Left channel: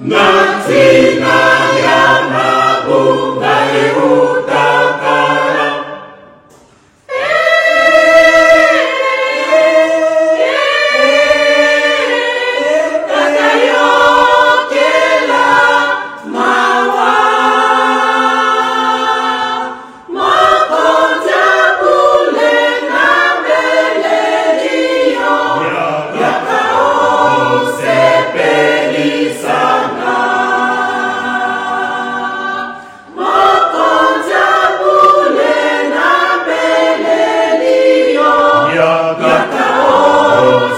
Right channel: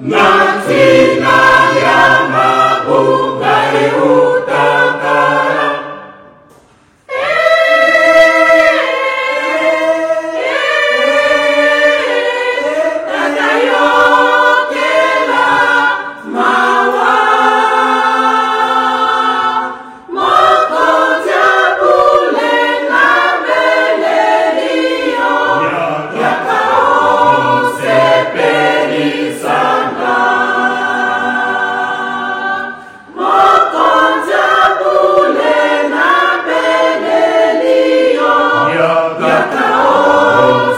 Natina ya mabunga utakala. Takayokela mawa. Mokonja pule na belelio. Yakao sepeli sana. Mokonja pule na belelio. Yakao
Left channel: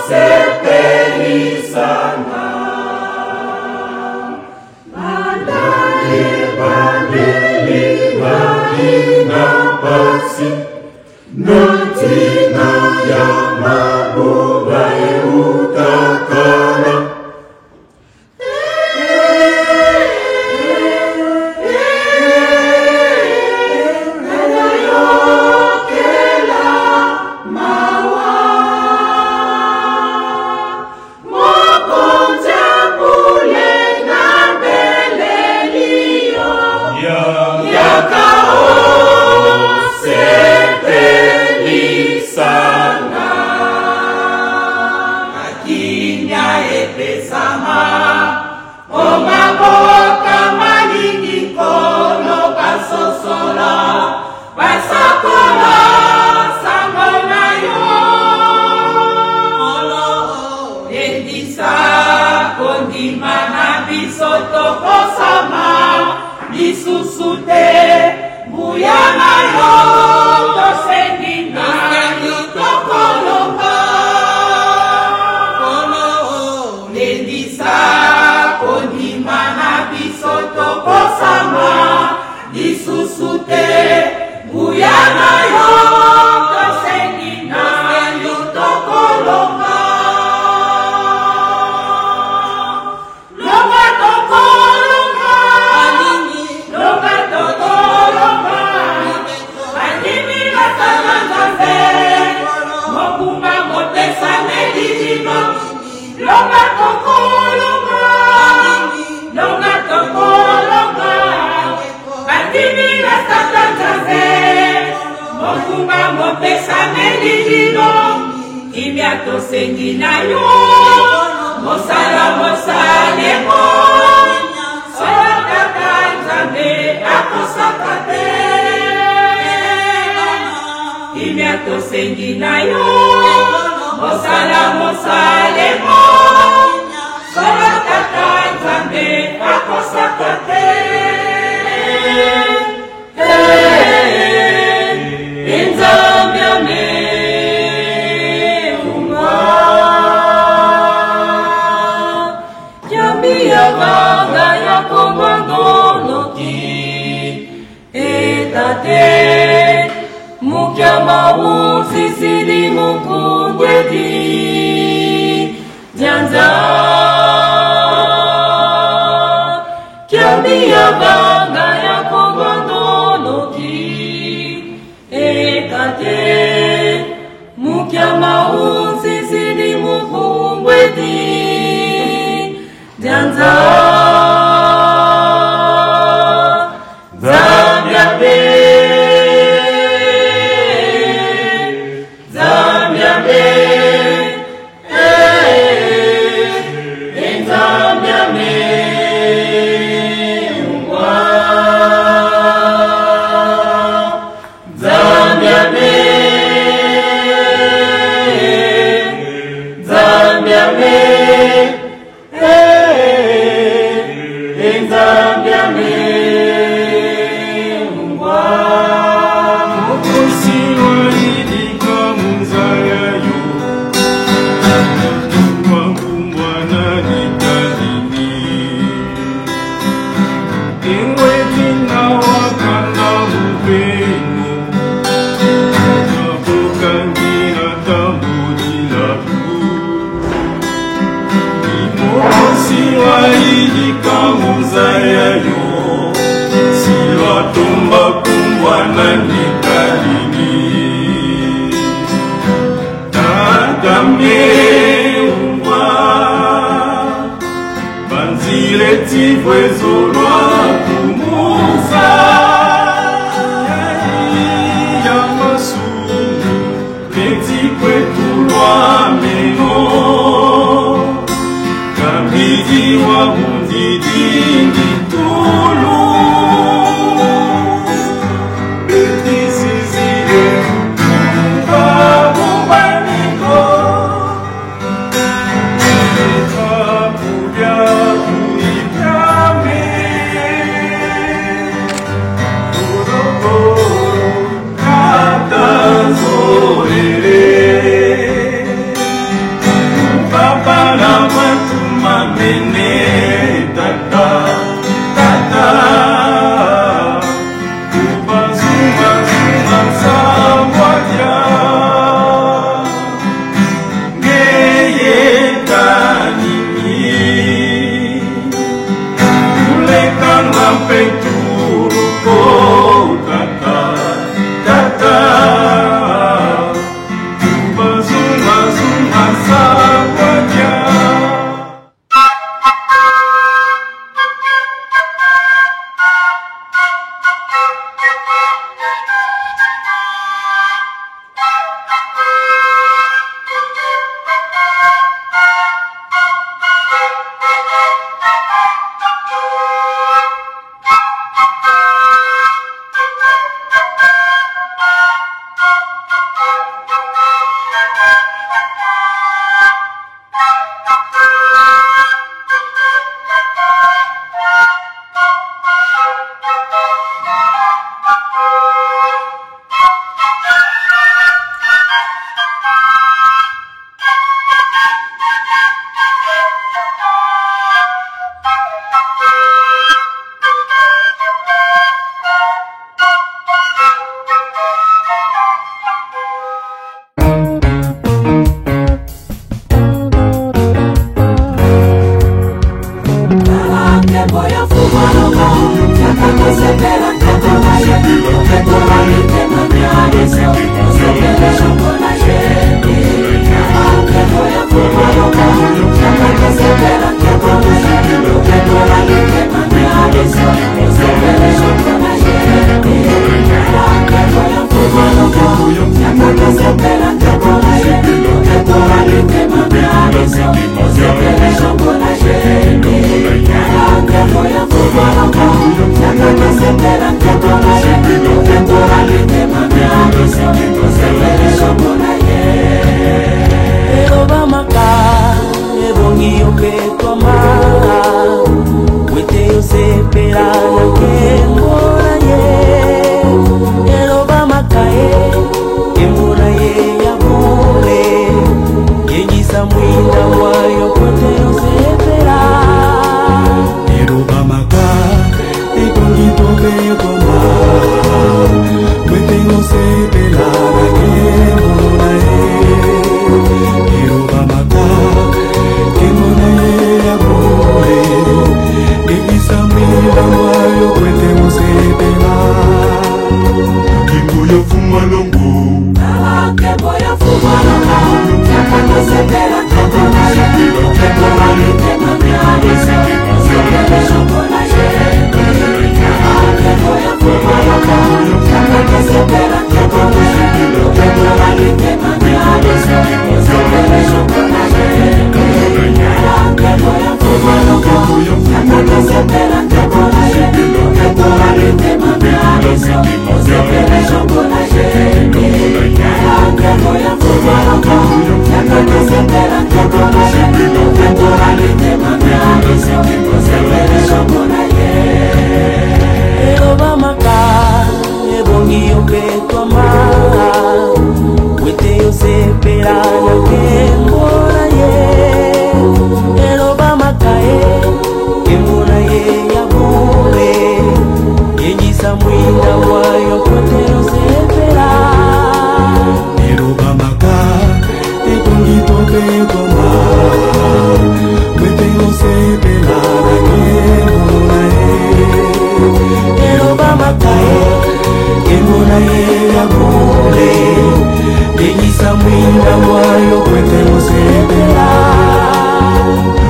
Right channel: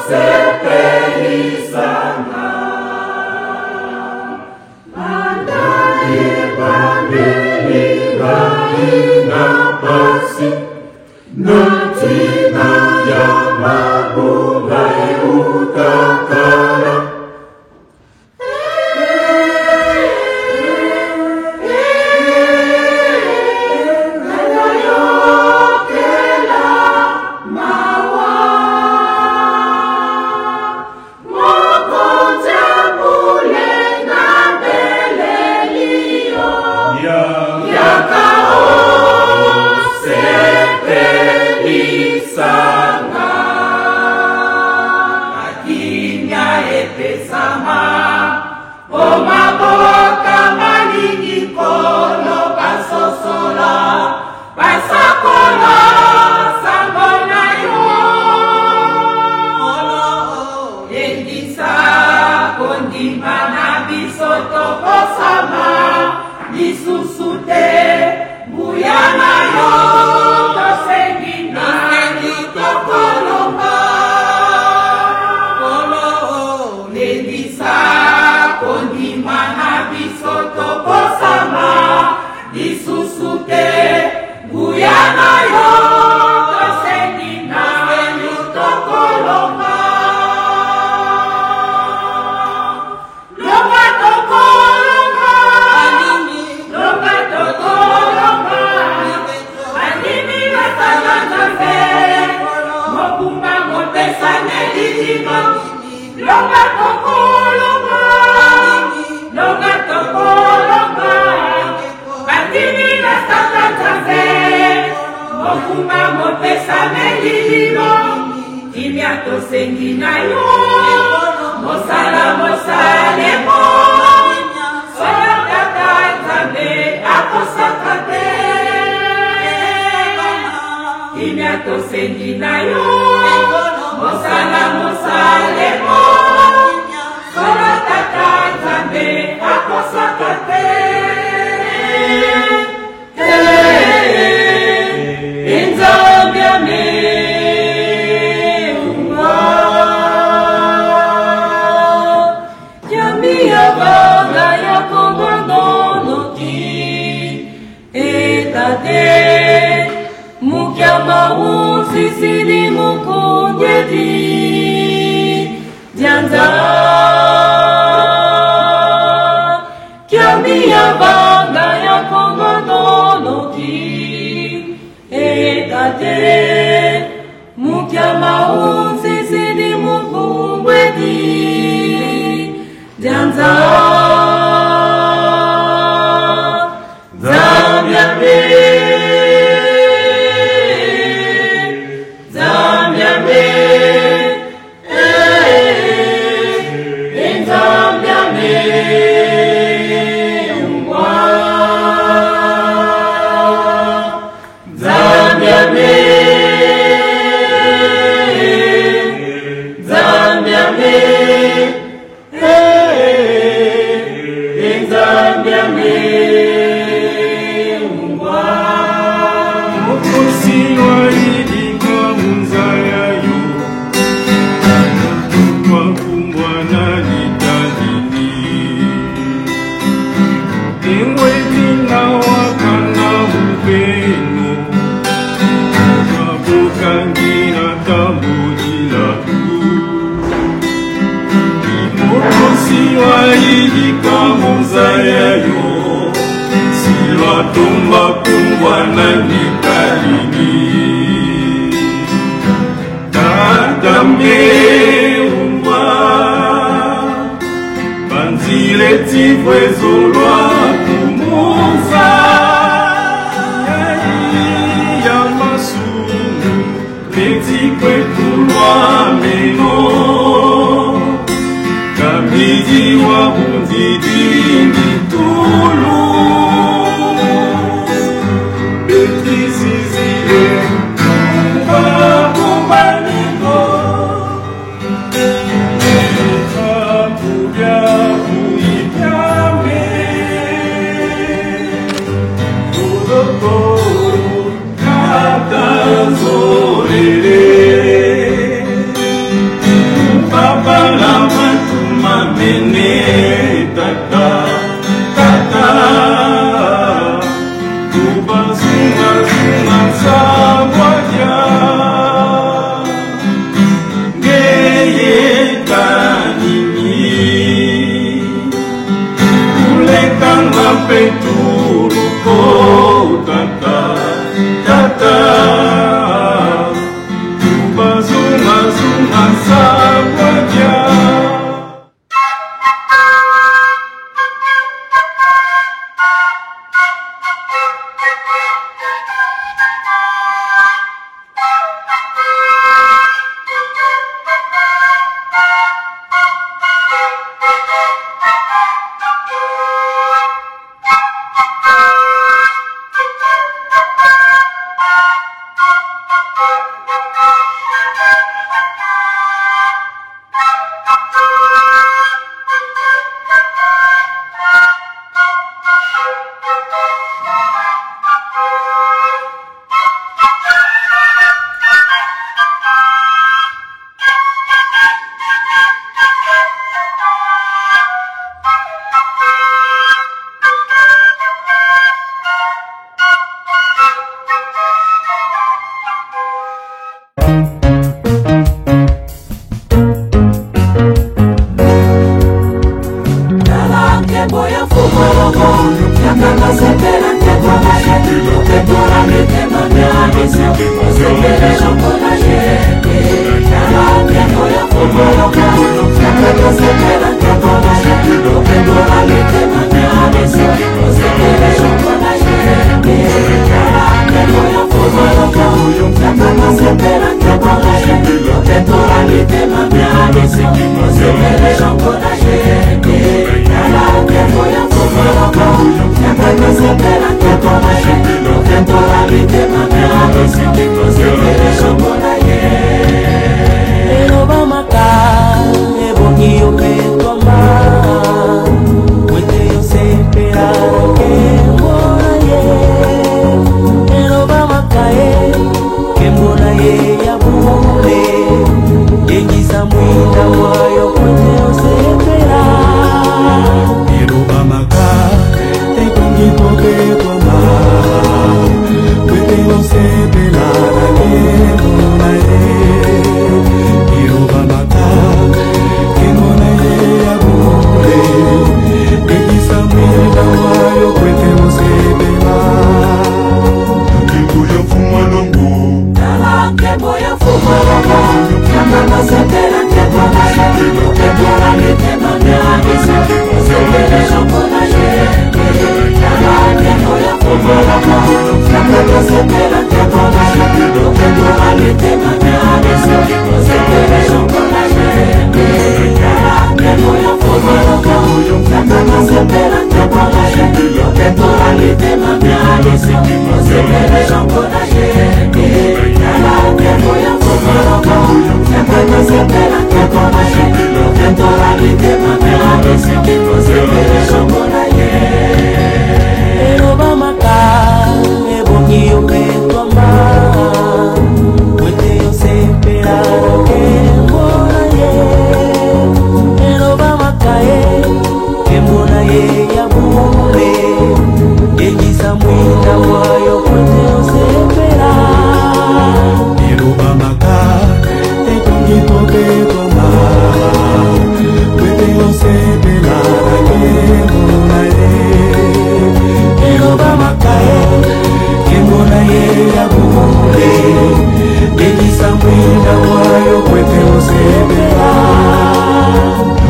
sepeli sana. Bandai bandeli ina pasi. Natina ya mabunga utakala. Takayokela mawa. Mokonja pule na belelio. Yakao sepeli sana. Akinya epesama. Omaboka malingi kolo basosola. Basakola sambona yo. Endisa kondima na bisoto kosama. Bisusute buyana yo. Tosendina tokolonga. Endisa kondima na bisoto kosama. Bisusute buyana yo. Tosendina tokolonga. Longa tokolonga. Longa tokolonga. Bandimi basakangaze. Mokumba mopesa nelilino. Longa tokolonga. Longa tokolonga. Bandimi basakangaze. Mokumba mopesa nelilino. Kimya tosengi na yo. Mosala mosalemo. Salakaka nzambe akosaka te. Kimya tosengi na yo. Mosala mosalemo. Salakaka nzambe akosaka te. Nzambe ameumba. Yami abanga ya kongandonoki. Etate mukyamba usisili mukundedi. Dianza Yami abanga ya kongandonoki. Etate mukyamba usisili mukundedi. Dianza Zambiabe Zambiabe Zambiabe Mwa Zambiabe Zambiabe Tumba kumbwa na nikalini Tatambe umbwa Banzile leti vwezolwa kumuza ya masunu leti kwetulwa meno kabidi wa bundidi ngitulu betisizile babubaniko kapubya kuibyame torokoro katanzorere papa la matuma mene tata tata kubazuma zuma sawaja ngeye tanini ulekanga peturu ko tata tata kubazuma zuma sawaja.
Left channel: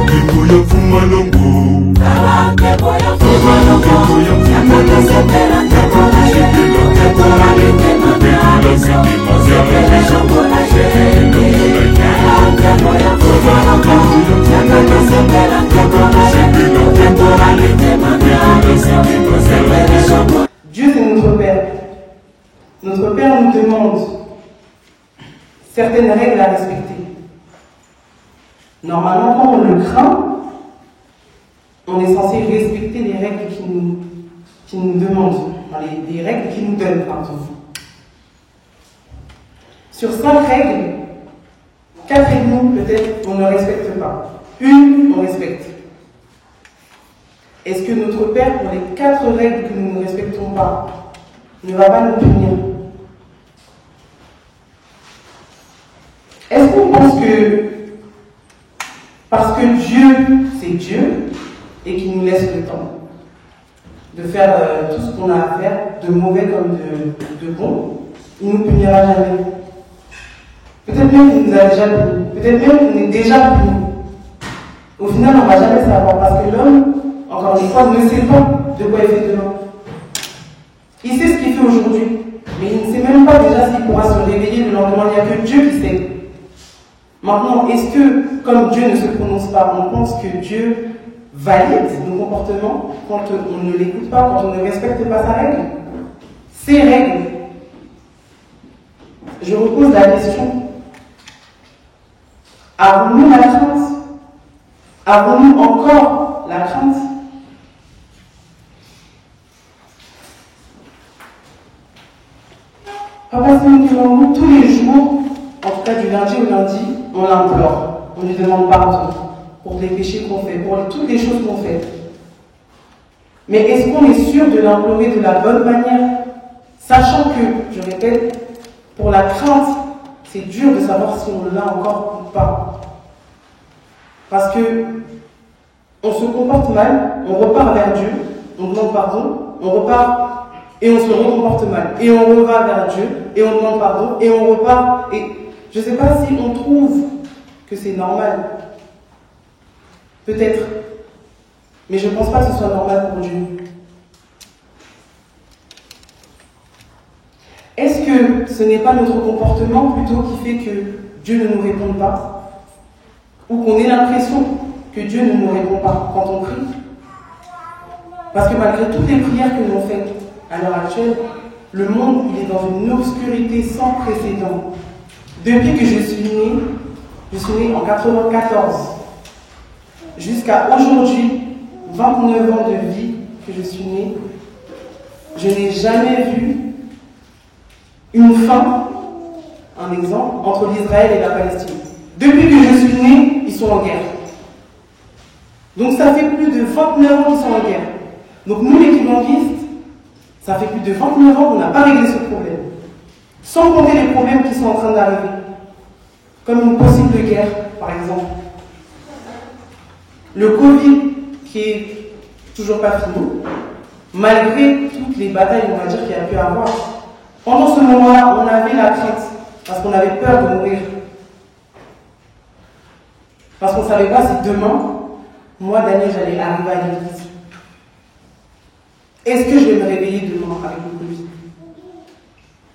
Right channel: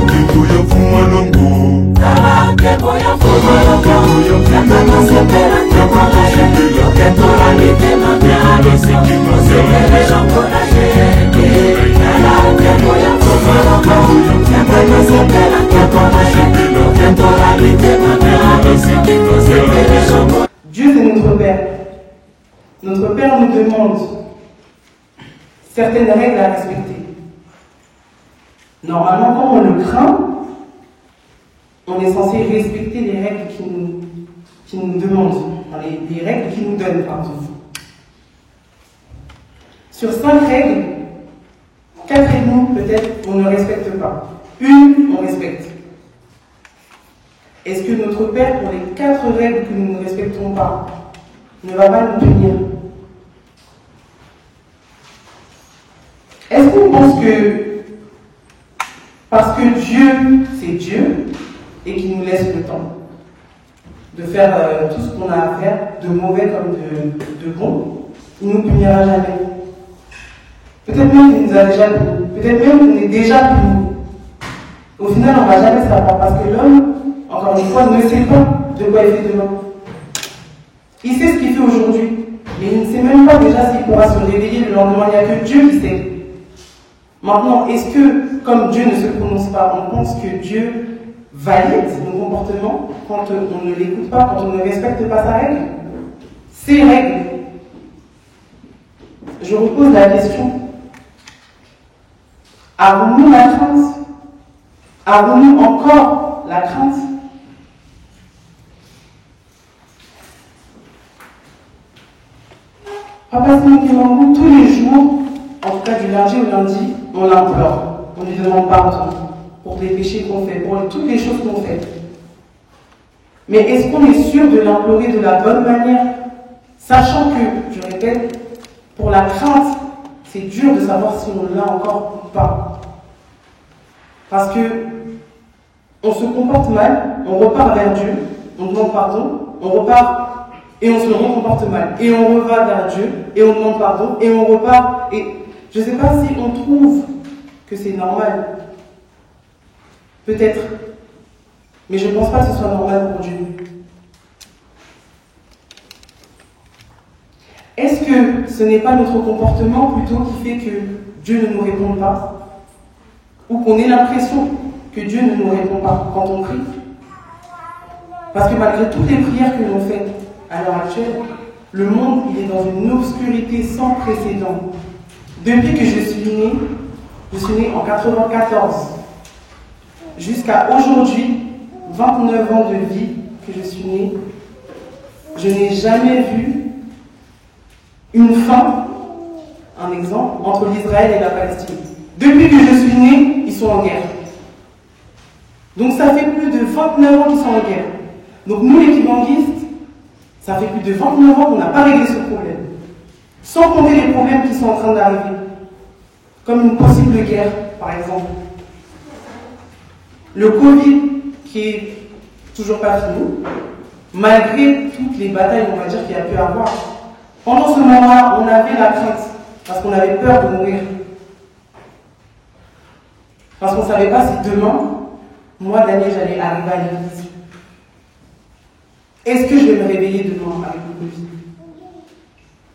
Kingu ya fuma nongo Dieu, c'est notre Père. Notre Père nous demande certaines règles à respecter. Normalement, quand on le craint, on est censé respecter les règles qui nous demandent, les règles qu'il nous donne, pardon. Sur 5 règles, 4 et demi, peut-être, on ne respecte pas. Une, on respecte. Est-ce que notre Père, pour les 4 règles que nous ne respectons pas, ne va pas nous punir? Est-ce qu'on pense que, parce que Dieu, c'est Dieu, et qu'il nous laisse le temps de faire tout ce qu'on a à faire, de mauvais comme de bon, il ne nous punira jamais? Peut-être même qu'il nous a déjà puni. Peut-être même qu'on est déjà puni. Au final, on ne va jamais savoir, parce que l'homme, encore une fois, ne sait pas de quoi il fait demain. Il sait ce qu'il fait aujourd'hui, mais il ne sait même pas déjà s'il pourra se réveiller le lendemain. Il n'y a que Dieu qui sait. Maintenant, est-ce que, comme Dieu ne se prononce pas, on pense que Dieu valide nos comportements quand on ne l'écoute pas, quand on ne respecte pas sa règle? Ses règles. Je repose la question. Avons-nous la crainte? Avons-nous encore la crainte? Papa Simon Kimangu, tous les jours, en tout cas du lundi au lundi, on l'implore. On lui demande pardon pour les péchés qu'on fait, pour toutes les choses qu'on fait. Mais est-ce qu'on est sûr de l'implorer de la bonne manière? Sachant que, je répète, pour la crainte, c'est dur de savoir si on l'a encore ou pas. Parce que on se comporte mal, on repart vers Dieu, on demande pardon, on repart et on se recomporte mal. Et on revient vers Dieu, et on demande pardon, et on repart. Et je ne sais pas si on trouve que c'est normal. Peut-être. Mais je ne pense pas que ce soit normal pour Dieu. Est-ce que ce n'est pas notre comportement plutôt qui fait que Dieu ne nous répond pas? Ou qu'on ait l'impression que Dieu ne nous répond pas quand on prie? Parce que malgré toutes les prières que l'on fait à l'heure actuelle, le monde il est dans une obscurité sans précédent. Depuis que je suis née en 94, jusqu'à aujourd'hui, 29 ans de vie que je suis née, je n'ai jamais vu une fin, un exemple, entre l'Israël et la Palestine. Depuis que je suis née, ils sont en guerre. Donc ça fait plus de 29 ans qu'ils sont en guerre. Donc nous les kimanguistes, ça fait plus de 29 ans qu'on n'a pas réglé ce problème. Sans compter les problèmes qui sont en train d'arriver. Comme une possible guerre, par exemple. Le Covid, qui est toujours pas fini, malgré toutes les batailles, on va dire, qu'il y a pu avoir. Pendant ce moment-là, on avait la crainte, parce qu'on avait peur de mourir. Parce qu'on ne savait pas si demain, moi, Daniel, j'allais arriver à l'église. Est-ce que je vais me réveiller demain avec le Covid?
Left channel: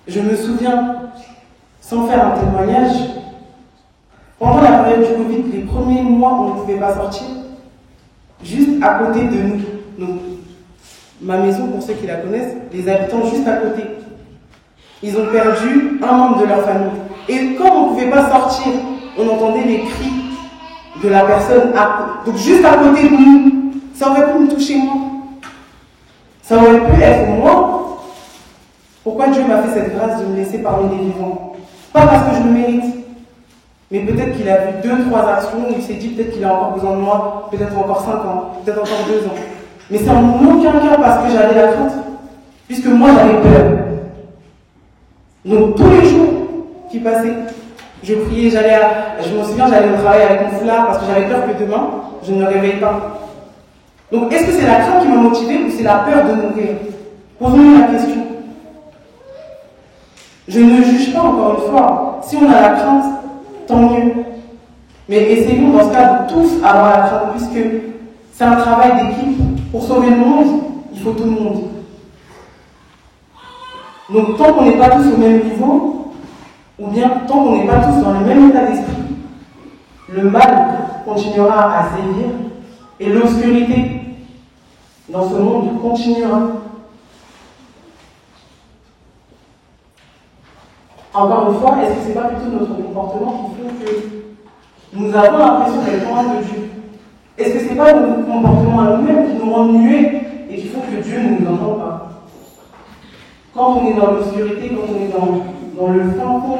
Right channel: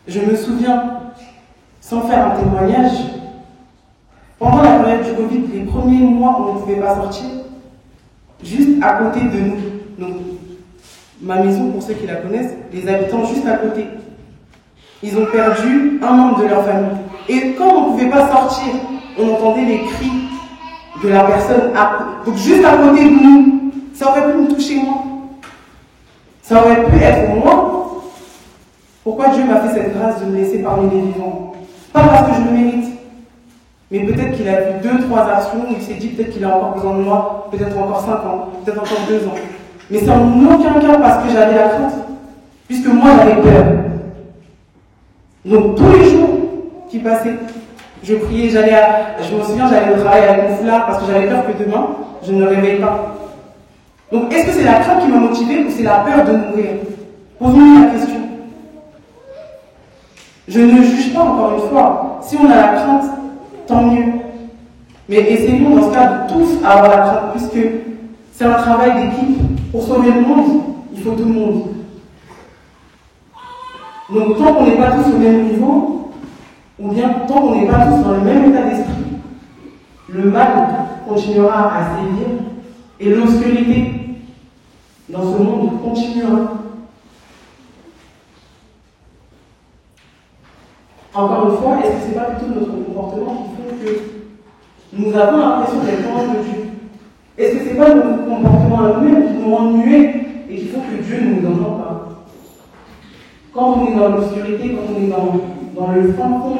Je me souviens, sans faire un témoignage, pendant la période du Covid, les premiers mois où on ne pouvait pas sortir, juste à côté de nous, donc, ma maison, pour ceux qui la connaissent, les habitants juste à côté, ils ont perdu un membre de leur famille. Et quand on ne pouvait pas sortir, on entendait les cris de la personne donc juste à côté de nous. Ça aurait pu nous toucher moi. Ça aurait pu être moi. Pourquoi Dieu m'a fait cette grâce de me laisser parmi les vivants? Pas parce que je le mérite, mais peut-être qu'il a vu 2-3 actions où il s'est dit peut-être qu'il a encore besoin de moi, peut-être encore 5 ans, peut-être encore 2 ans. Mais c'est en aucun cas parce que j'avais la crainte, puisque moi j'avais peur. Donc tous les jours qui passaient, je priais, je me souviens, j'allais au travail avec mon foulard parce que j'avais peur que demain, je ne me réveille pas. Donc est-ce que c'est la crainte qui m'a motivée ou c'est la peur de mourir? Posons-nous la question. Je ne juge pas encore une fois. Si on a la crainte, tant mieux. Mais essayons dans ce cas de tous avoir la crainte, puisque c'est un travail d'équipe. Pour sauver le monde, il faut tout le monde. Donc tant qu'on n'est pas tous au même niveau, ou bien tant qu'on n'est pas tous dans le même état d'esprit, le mal continuera à sévir et l'obscurité dans ce monde continuera. Encore une fois, est-ce que ce n'est pas plutôt notre comportement qui fait que nous avons l'impression d'être loin de Dieu? Est-ce que ce n'est pas notre comportement à nous-mêmes qui nous rend muets et qui font que Dieu ne nous entend pas? Quand on est dans l'obscurité, quand on est dans le fin fond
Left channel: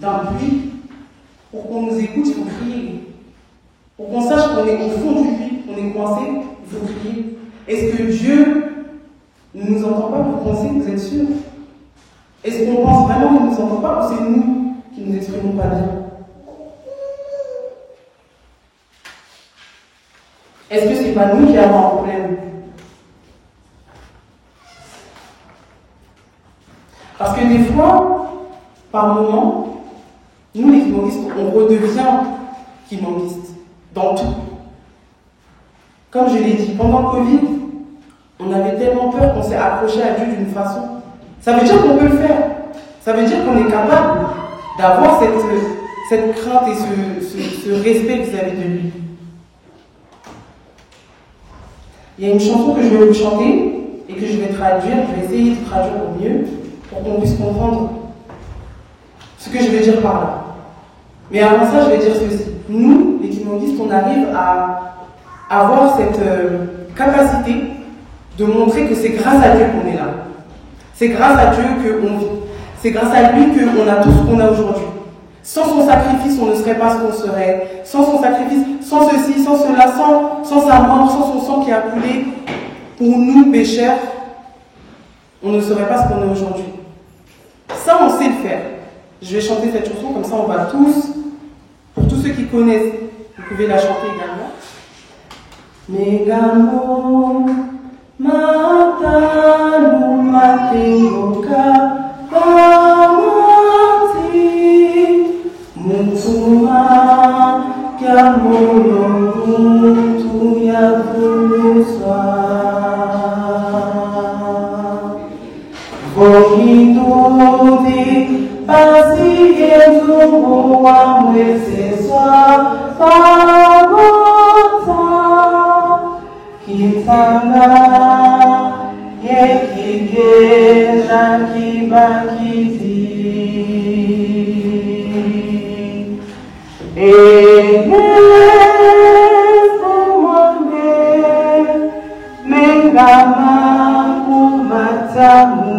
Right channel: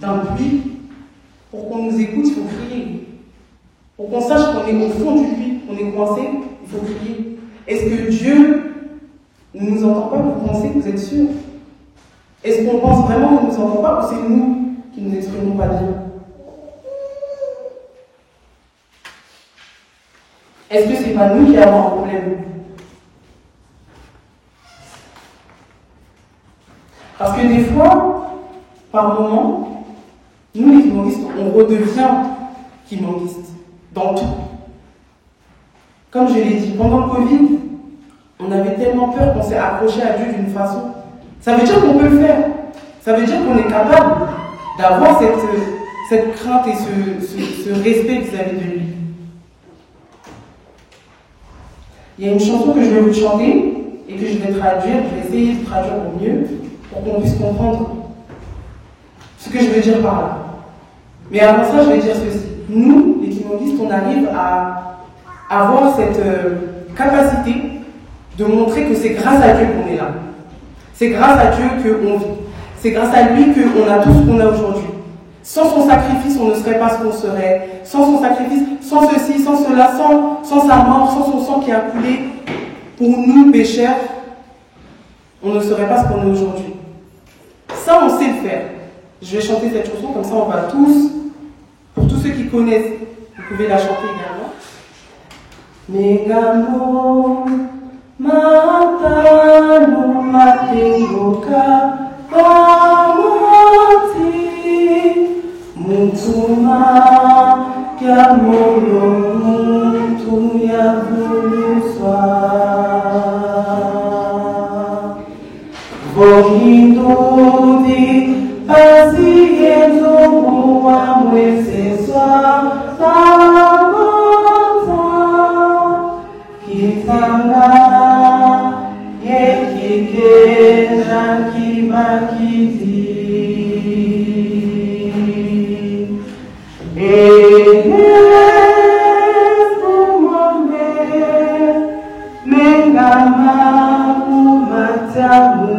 d'un bruit, pour qu'on nous écoute, il faut crier. Pour qu'on sache qu'on est au fond du puits, qu'on est coincé, il faut crier. Est-ce que Dieu ne nous entend pas? Vous pensez que vous êtes sûr? Est-ce qu'on pense vraiment qu'il ne nous entend pas, ou c'est nous qui ne nous exprimons pas Dieu? Est-ce que ce n'est pas nous qui avons un problème? Parce que des fois, par moments, nous les kimongistes, on redevient kimongistes dans tout. Comme je l'ai dit, pendant le Covid, on avait tellement peur qu'on s'est approché à Dieu d'une façon. Ça veut dire qu'on peut le faire. Ça veut dire qu'on est capable d'avoir cette crainte et ce respect vis-à-vis de lui. Il y a une chanson que je vais vous chanter et que je vais traduire. Je vais essayer de traduire au mieux pour qu'on puisse comprendre ce que je veux dire par là. Mais avant ça, je vais dire ceci. Nous, les kimongistes, on arrive à avoir cette capacité de montrer que c'est grâce à Dieu qu'on est là. C'est grâce à Dieu qu'on vit. C'est grâce à lui qu'on a tout ce qu'on a aujourd'hui. Sans son sacrifice, on ne serait pas ce qu'on serait. Sans son sacrifice, sans ceci, sans cela, sans sa mort, sans son sang qui a coulé pour nous, pécheurs, on ne serait pas ce qu'on est aujourd'hui. Ça, on sait le faire. Je vais chanter cette chanson, comme ça on va tous, pour tous ceux qui connaissent, vous pouvez la chanter également. Megamo Matalu Mategoka Pamati Mutuma Kamolo Mutu Yavuluswa Vongidudi Pasiyetu Amweseswa Pamata Kitana Yekike Jakibakiti Ehesemone Mengana Umatamuka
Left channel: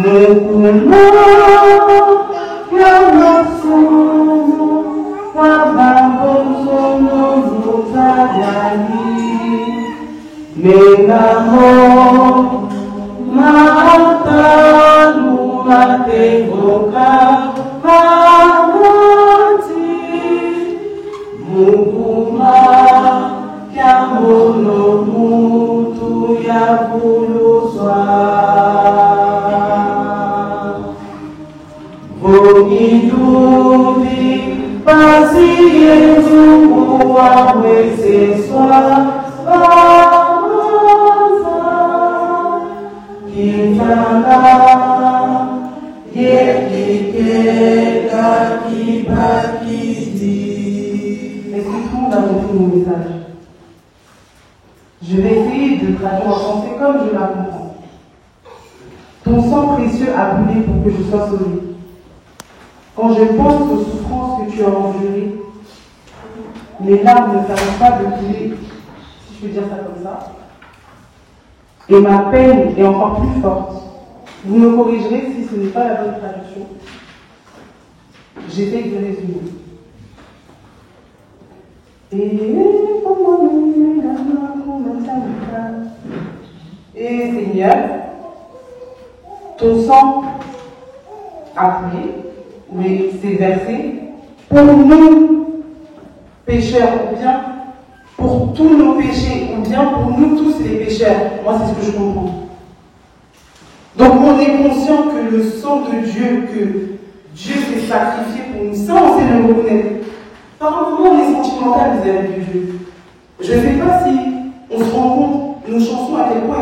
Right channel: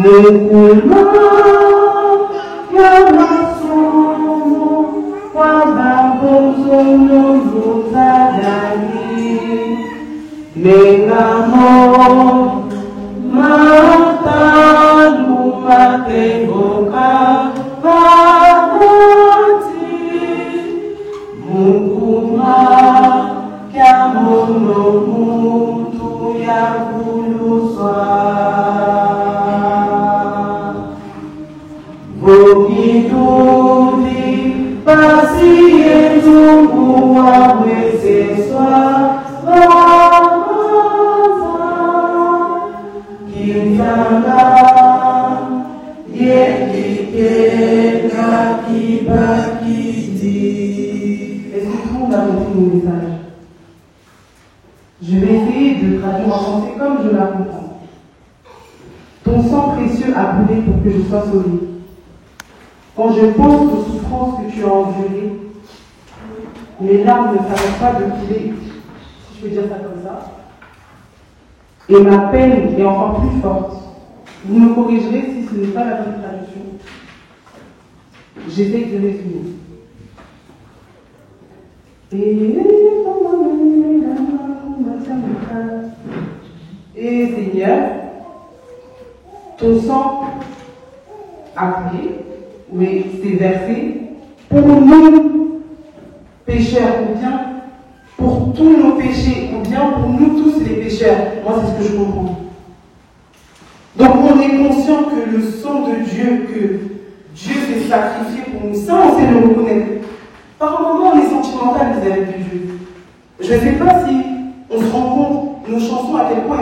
Mukuma Yamasumu Wababosono Yutadani Menamo Matamu Mategoka Pamati Mukuma Kamono Mutu Yavuluswa Vomidudi Pasiyetu Amweseswa Kitana Yekike Kakibakiti. Est-ce que tout le monde a compris mon message? Je vais essayer de traduire en français comme je la comprends. Ton sang précieux a coulé pour que je sois sauvé. Quand je pense aux souffrances que tu as endurées, mes larmes ne s'arrêtent pas de couler, si je peux dire ça comme ça. Et ma peine est encore plus forte. Vous me corrigez si ce n'est pas la bonne traduction. J'essaie de résumer. Et Seigneur, ton sang a coulé, mais c'est versé pour nous, pécheurs, ou bien pour tous nos péchés, ou bien pour nous tous les pécheurs. Moi, c'est ce que je comprends. Donc, on est conscient que le sang de Dieu, que Dieu s'est sacrifié pour nous. Ça, on sait le reconnaître. Par moment, on est sentimental vis-à-vis de Dieu. Je ne sais pas si on se rend compte nos chansons, à quel point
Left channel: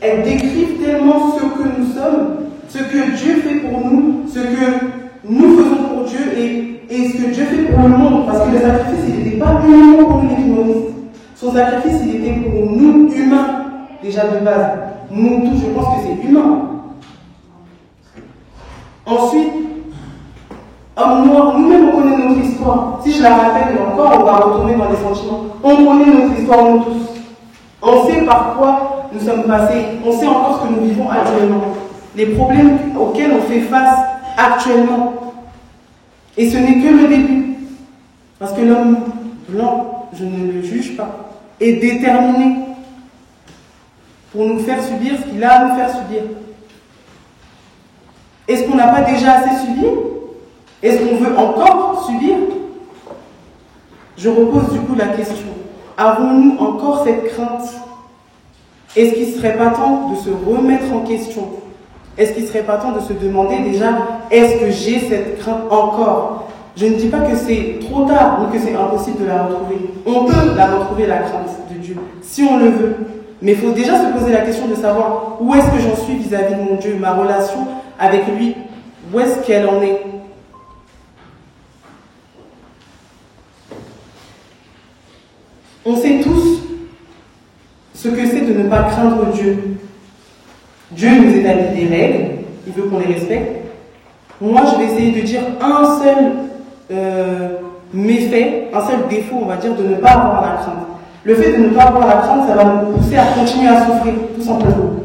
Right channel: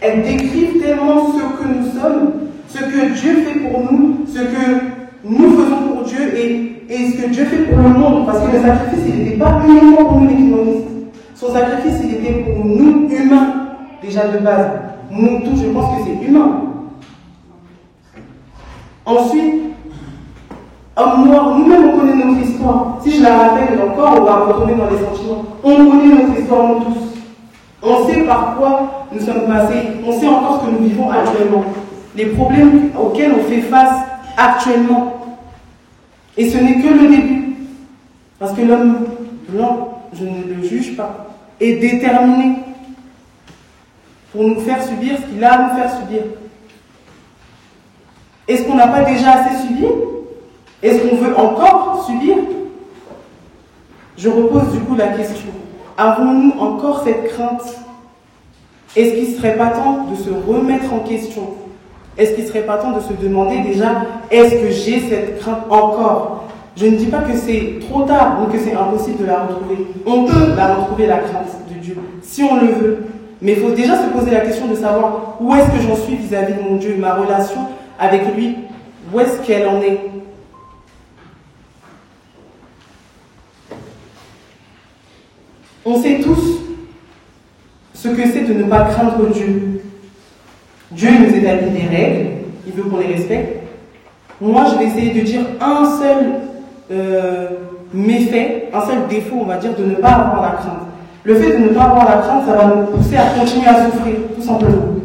elles décrivent tellement ce que nous sommes, ce que Dieu fait pour nous, ce que nous faisons pour Dieu et ce que Dieu fait pour le monde. Parce que le sacrifice, il n'était pas uniquement pour les humanistes. Son sacrifice, il était pour nous, humains, déjà de base. Nous tous, je pense que c'est humain. Ensuite, homme noir, nous-mêmes, on connaît notre histoire. Si je la rappelle encore, on va retourner dans les sentiments. On connaît notre histoire, nous tous. On sait par quoi nous sommes passés. On sait encore ce que nous vivons actuellement. Les problèmes auxquels on fait face actuellement. Et ce n'est que le début. Parce que l'homme blanc, je ne le juge pas, est déterminé pour nous faire subir ce qu'il a à nous faire subir. Est-ce qu'on n'a pas déjà assez subi? Est-ce qu'on veut encore subir? Je repose du coup la question. Avons-nous encore cette crainte? Est-ce qu'il ne serait pas temps de se remettre en question? Est-ce qu'il ne serait pas temps de se demander déjà, est-ce que j'ai cette crainte encore? Je ne dis pas que c'est trop tard ou que c'est impossible de la retrouver. On peut la retrouver, la crainte de Dieu, si on le veut. Mais il faut déjà se poser la question de savoir où est-ce que j'en suis vis-à-vis de mon Dieu, ma relation avec lui, où est-ce qu'elle en est? On sait tous ce que c'est de ne pas craindre Dieu. Dieu nous établit des règles, il veut qu'on les respecte. Moi, je vais essayer de dire un seul méfait, un seul défaut, on va dire, de ne pas avoir la crainte. Le fait de ne pas avoir la crainte, ça va nous pousser à continuer à souffrir, tout simplement.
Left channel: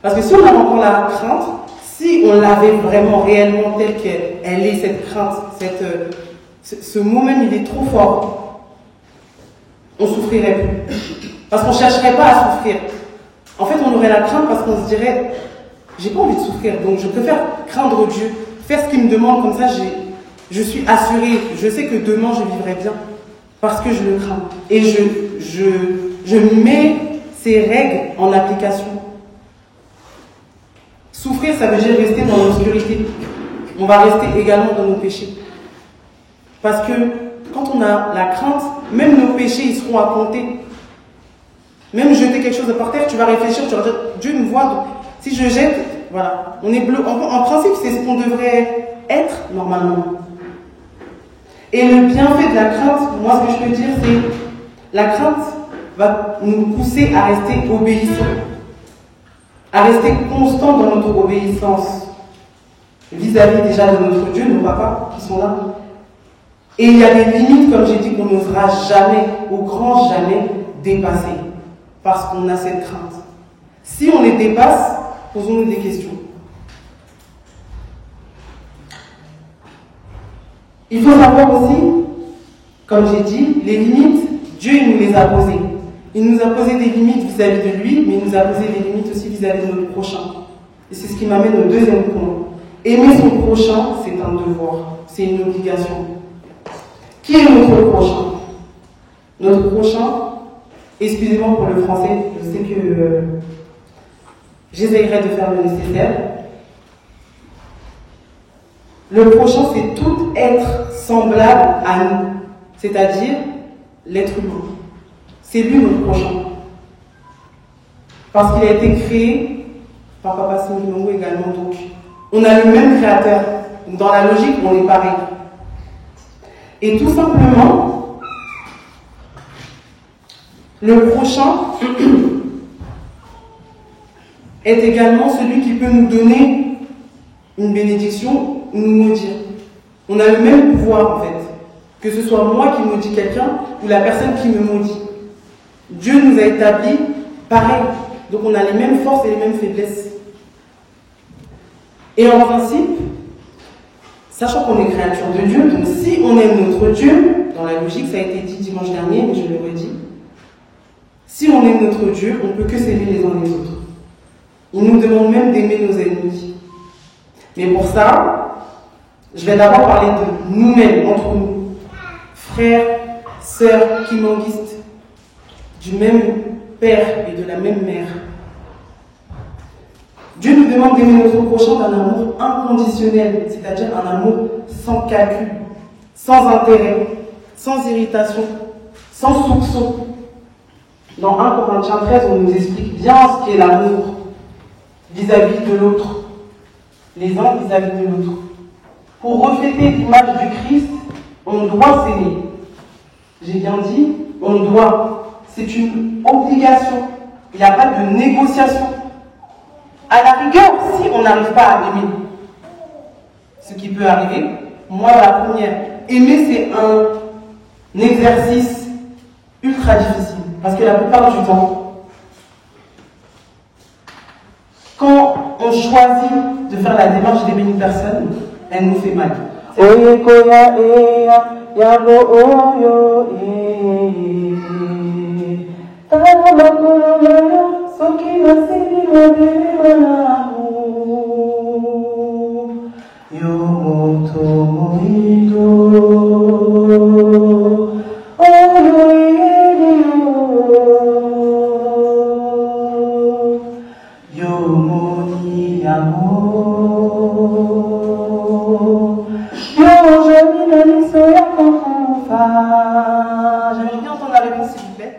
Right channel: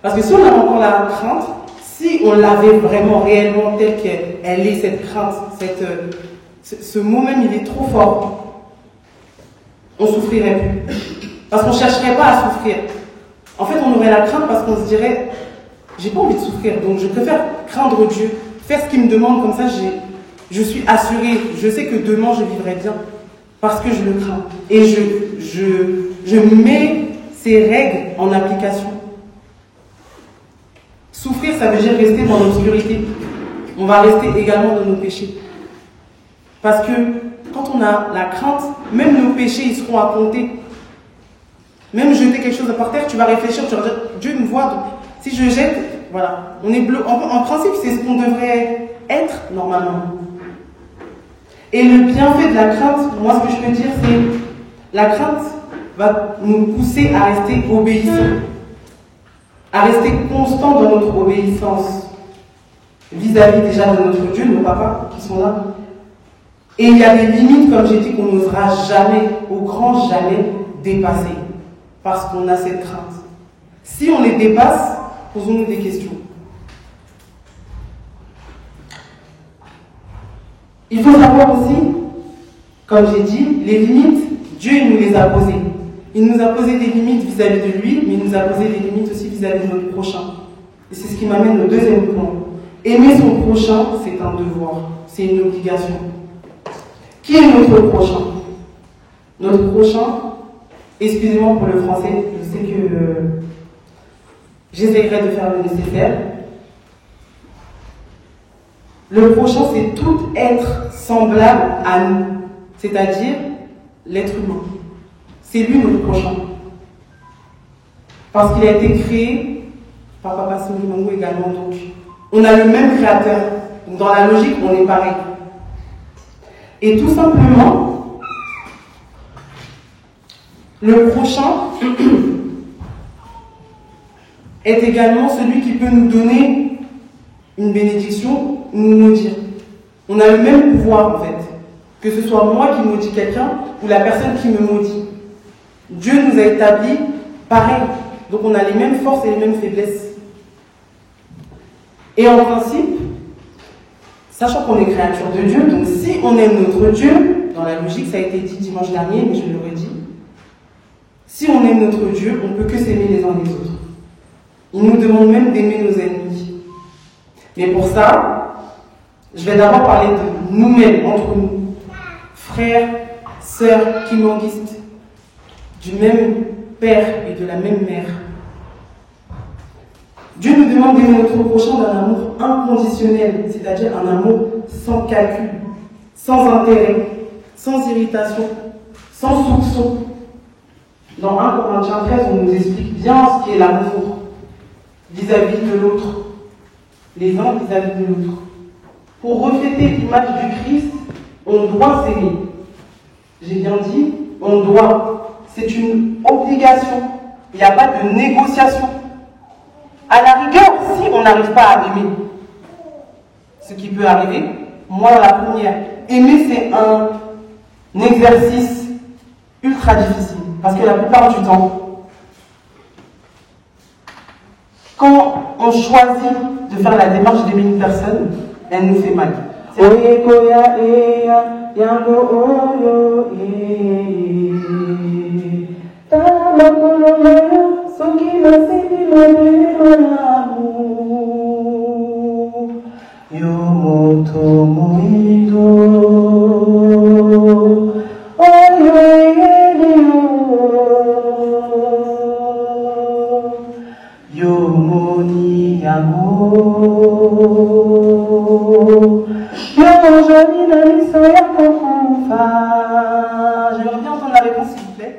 Parce que si on a encore la crainte, si on l'avait vraiment, réellement, telle qu'elle est, cette crainte, ce mot même, il est trop fort, on souffrirait plus. Parce qu'on ne chercherait pas à souffrir. En fait, on aurait la crainte parce qu'on se dirait, j'ai pas envie de souffrir, donc je préfère craindre Dieu, faire ce qu'il me demande, comme ça je suis assurée, je sais que demain je vivrai bien, parce que je le crains. Et je mets ces règles en application. Souffrir, ça veut dire rester dans l'obscurité. On va rester également dans nos péchés. Parce que quand on a la crainte, même nos péchés, ils seront à compter. Même jeter quelque chose par terre, tu vas réfléchir, tu vas dire, Dieu me voit, donc si je jette, voilà, on est bleu. En principe, c'est ce qu'on devrait être normalement. Et le bienfait de la crainte, moi ce que je peux dire, c'est la crainte va nous pousser à rester obéissants, à rester constants dans notre obéissance vis-à-vis déjà de notre Dieu, nos papas qui sont là. Et il y a des limites, comme j'ai dit, qu'on n'osera jamais, au grand jamais, dépasser. Parce qu'on a cette crainte. Si on les dépasse, posons-nous des questions. Il faut savoir aussi, comme j'ai dit, les limites, Dieu il nous les a posées. Il nous a posé des limites vis-à-vis de lui, mais il nous a posé des limites aussi vis-à-vis de notre prochain. Et c'est ce qui m'amène au deuxième point. Aimer son prochain, c'est un devoir, c'est une obligation. Qui est notre prochain? Notre prochain, excusez-moi pour le français, je sais que j'essayerai de faire le nécessaire. Le prochain, c'est tout être semblable à nous, c'est-à-dire l'être humain. C'est lui notre prochain. Parce qu'il a été créé par Papa Singimangu également, donc on a le même créateur. Donc dans la logique, on est pareil. Et tout simplement, le prochain est également celui qui peut nous donner une bénédiction, nous maudire. On a le même pouvoir en fait, que ce soit moi qui maudis quelqu'un ou la personne qui me maudit. Dieu nous a établis pareil, donc on a les mêmes forces et les mêmes faiblesses. Et en principe, sachant qu'on est créature de Dieu, donc si on aime notre Dieu, dans la logique, ça a été dit dimanche dernier, mais je le redis, si on aime notre Dieu, on ne peut que s'aimer les uns les autres. Il nous demande même d'aimer nos ennemis. Mais pour ça, je vais d'abord parler de nous-mêmes, entre nous, frères, sœurs, kimanguistes, du même père et de la même mère. Dieu nous demande d'aimer notre prochain d'un amour inconditionnel, c'est-à-dire un amour sans calcul, sans intérêt, sans irritation, sans soupçon. Dans 1 Corinthiens 13, on nous explique bien ce qu'est l'amour vis-à-vis de l'autre, les uns vis-à-vis de l'autre. Pour refléter l'image du Christ, on doit s'aimer. J'ai bien dit, on doit. C'est une obligation. Il n'y a pas de négociation. À la rigueur, si on n'arrive pas à aimer, ce qui peut arriver, moi la première, aimer c'est un exercice ultra difficile. Parce que la plupart du temps, quand on choisit de faire la démarche d'aimer une personne, elle nous fait mal. J'aimerais bien entendre la réponse, s'il vous plaît.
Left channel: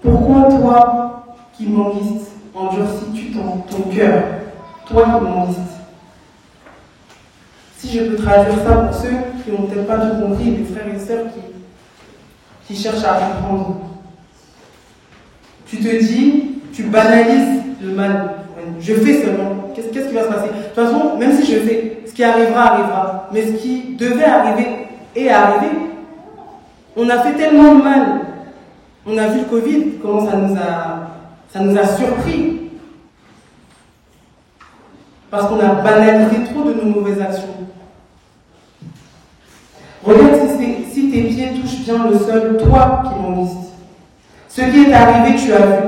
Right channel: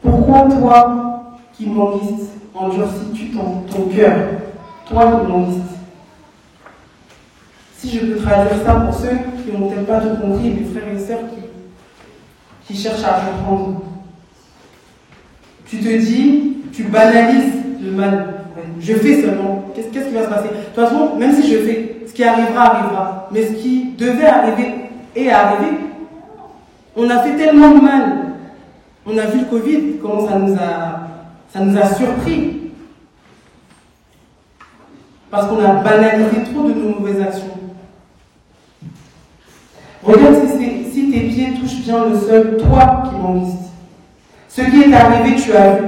Pourquoi toi qui m'enlistes, endurcis-tu ton cœur, toi qui m'enlistes? Si je peux traduire ça pour ceux qui n'ont peut-être pas tout compris, les frères et sœurs qui cherchent à comprendre. Tu te dis, tu banalises le mal. Je fais seulement. Qu'est-ce qui va se passer? De toute façon, même si je fais, ce qui arrivera, arrivera. Mais ce qui devait arriver est arrivé. On a fait tellement de mal. On a vu le Covid, comment ça nous a surpris. Parce qu'on a banalisé trop de nos mauvaises actions. Regarde si tes pieds touchent bien le sol, toi qui m'enlistes. Ce qui est arrivé, tu as vu.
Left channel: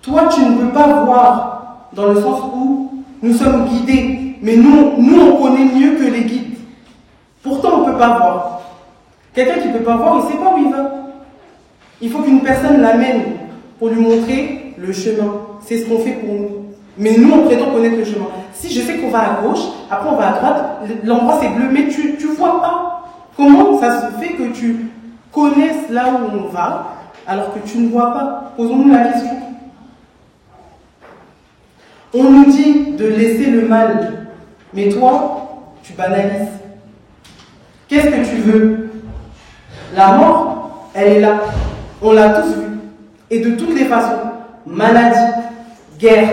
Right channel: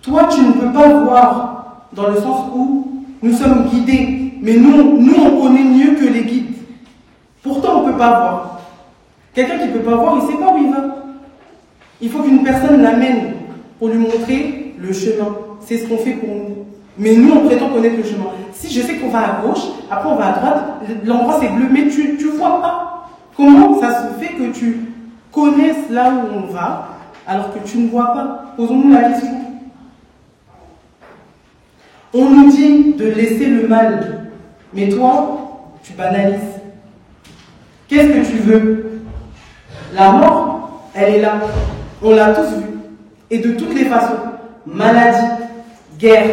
Toi, tu ne peux pas voir, dans le sens où nous sommes guidés. Mais nous on connaît mieux que les guides. Pourtant, on ne peut pas voir. Quelqu'un qui ne peut pas voir, il ne sait pas où il va. Il faut qu'une personne l'amène pour lui montrer le chemin. C'est ce qu'on fait pour nous. Mais nous, on prétend connaître le chemin. Si je sais qu'on va à gauche, après on va à droite, l'endroit c'est bleu, mais tu ne vois pas. Comment ça se fait que tu connaisses là où on va, alors que tu ne vois pas? Posons-nous la question. On nous dit de laisser le mal, mais toi, tu banalises. Qu'est-ce que tu veux? La mort, elle est là. On l'a tous vu. Et de toutes les façons. Maladie, guerre,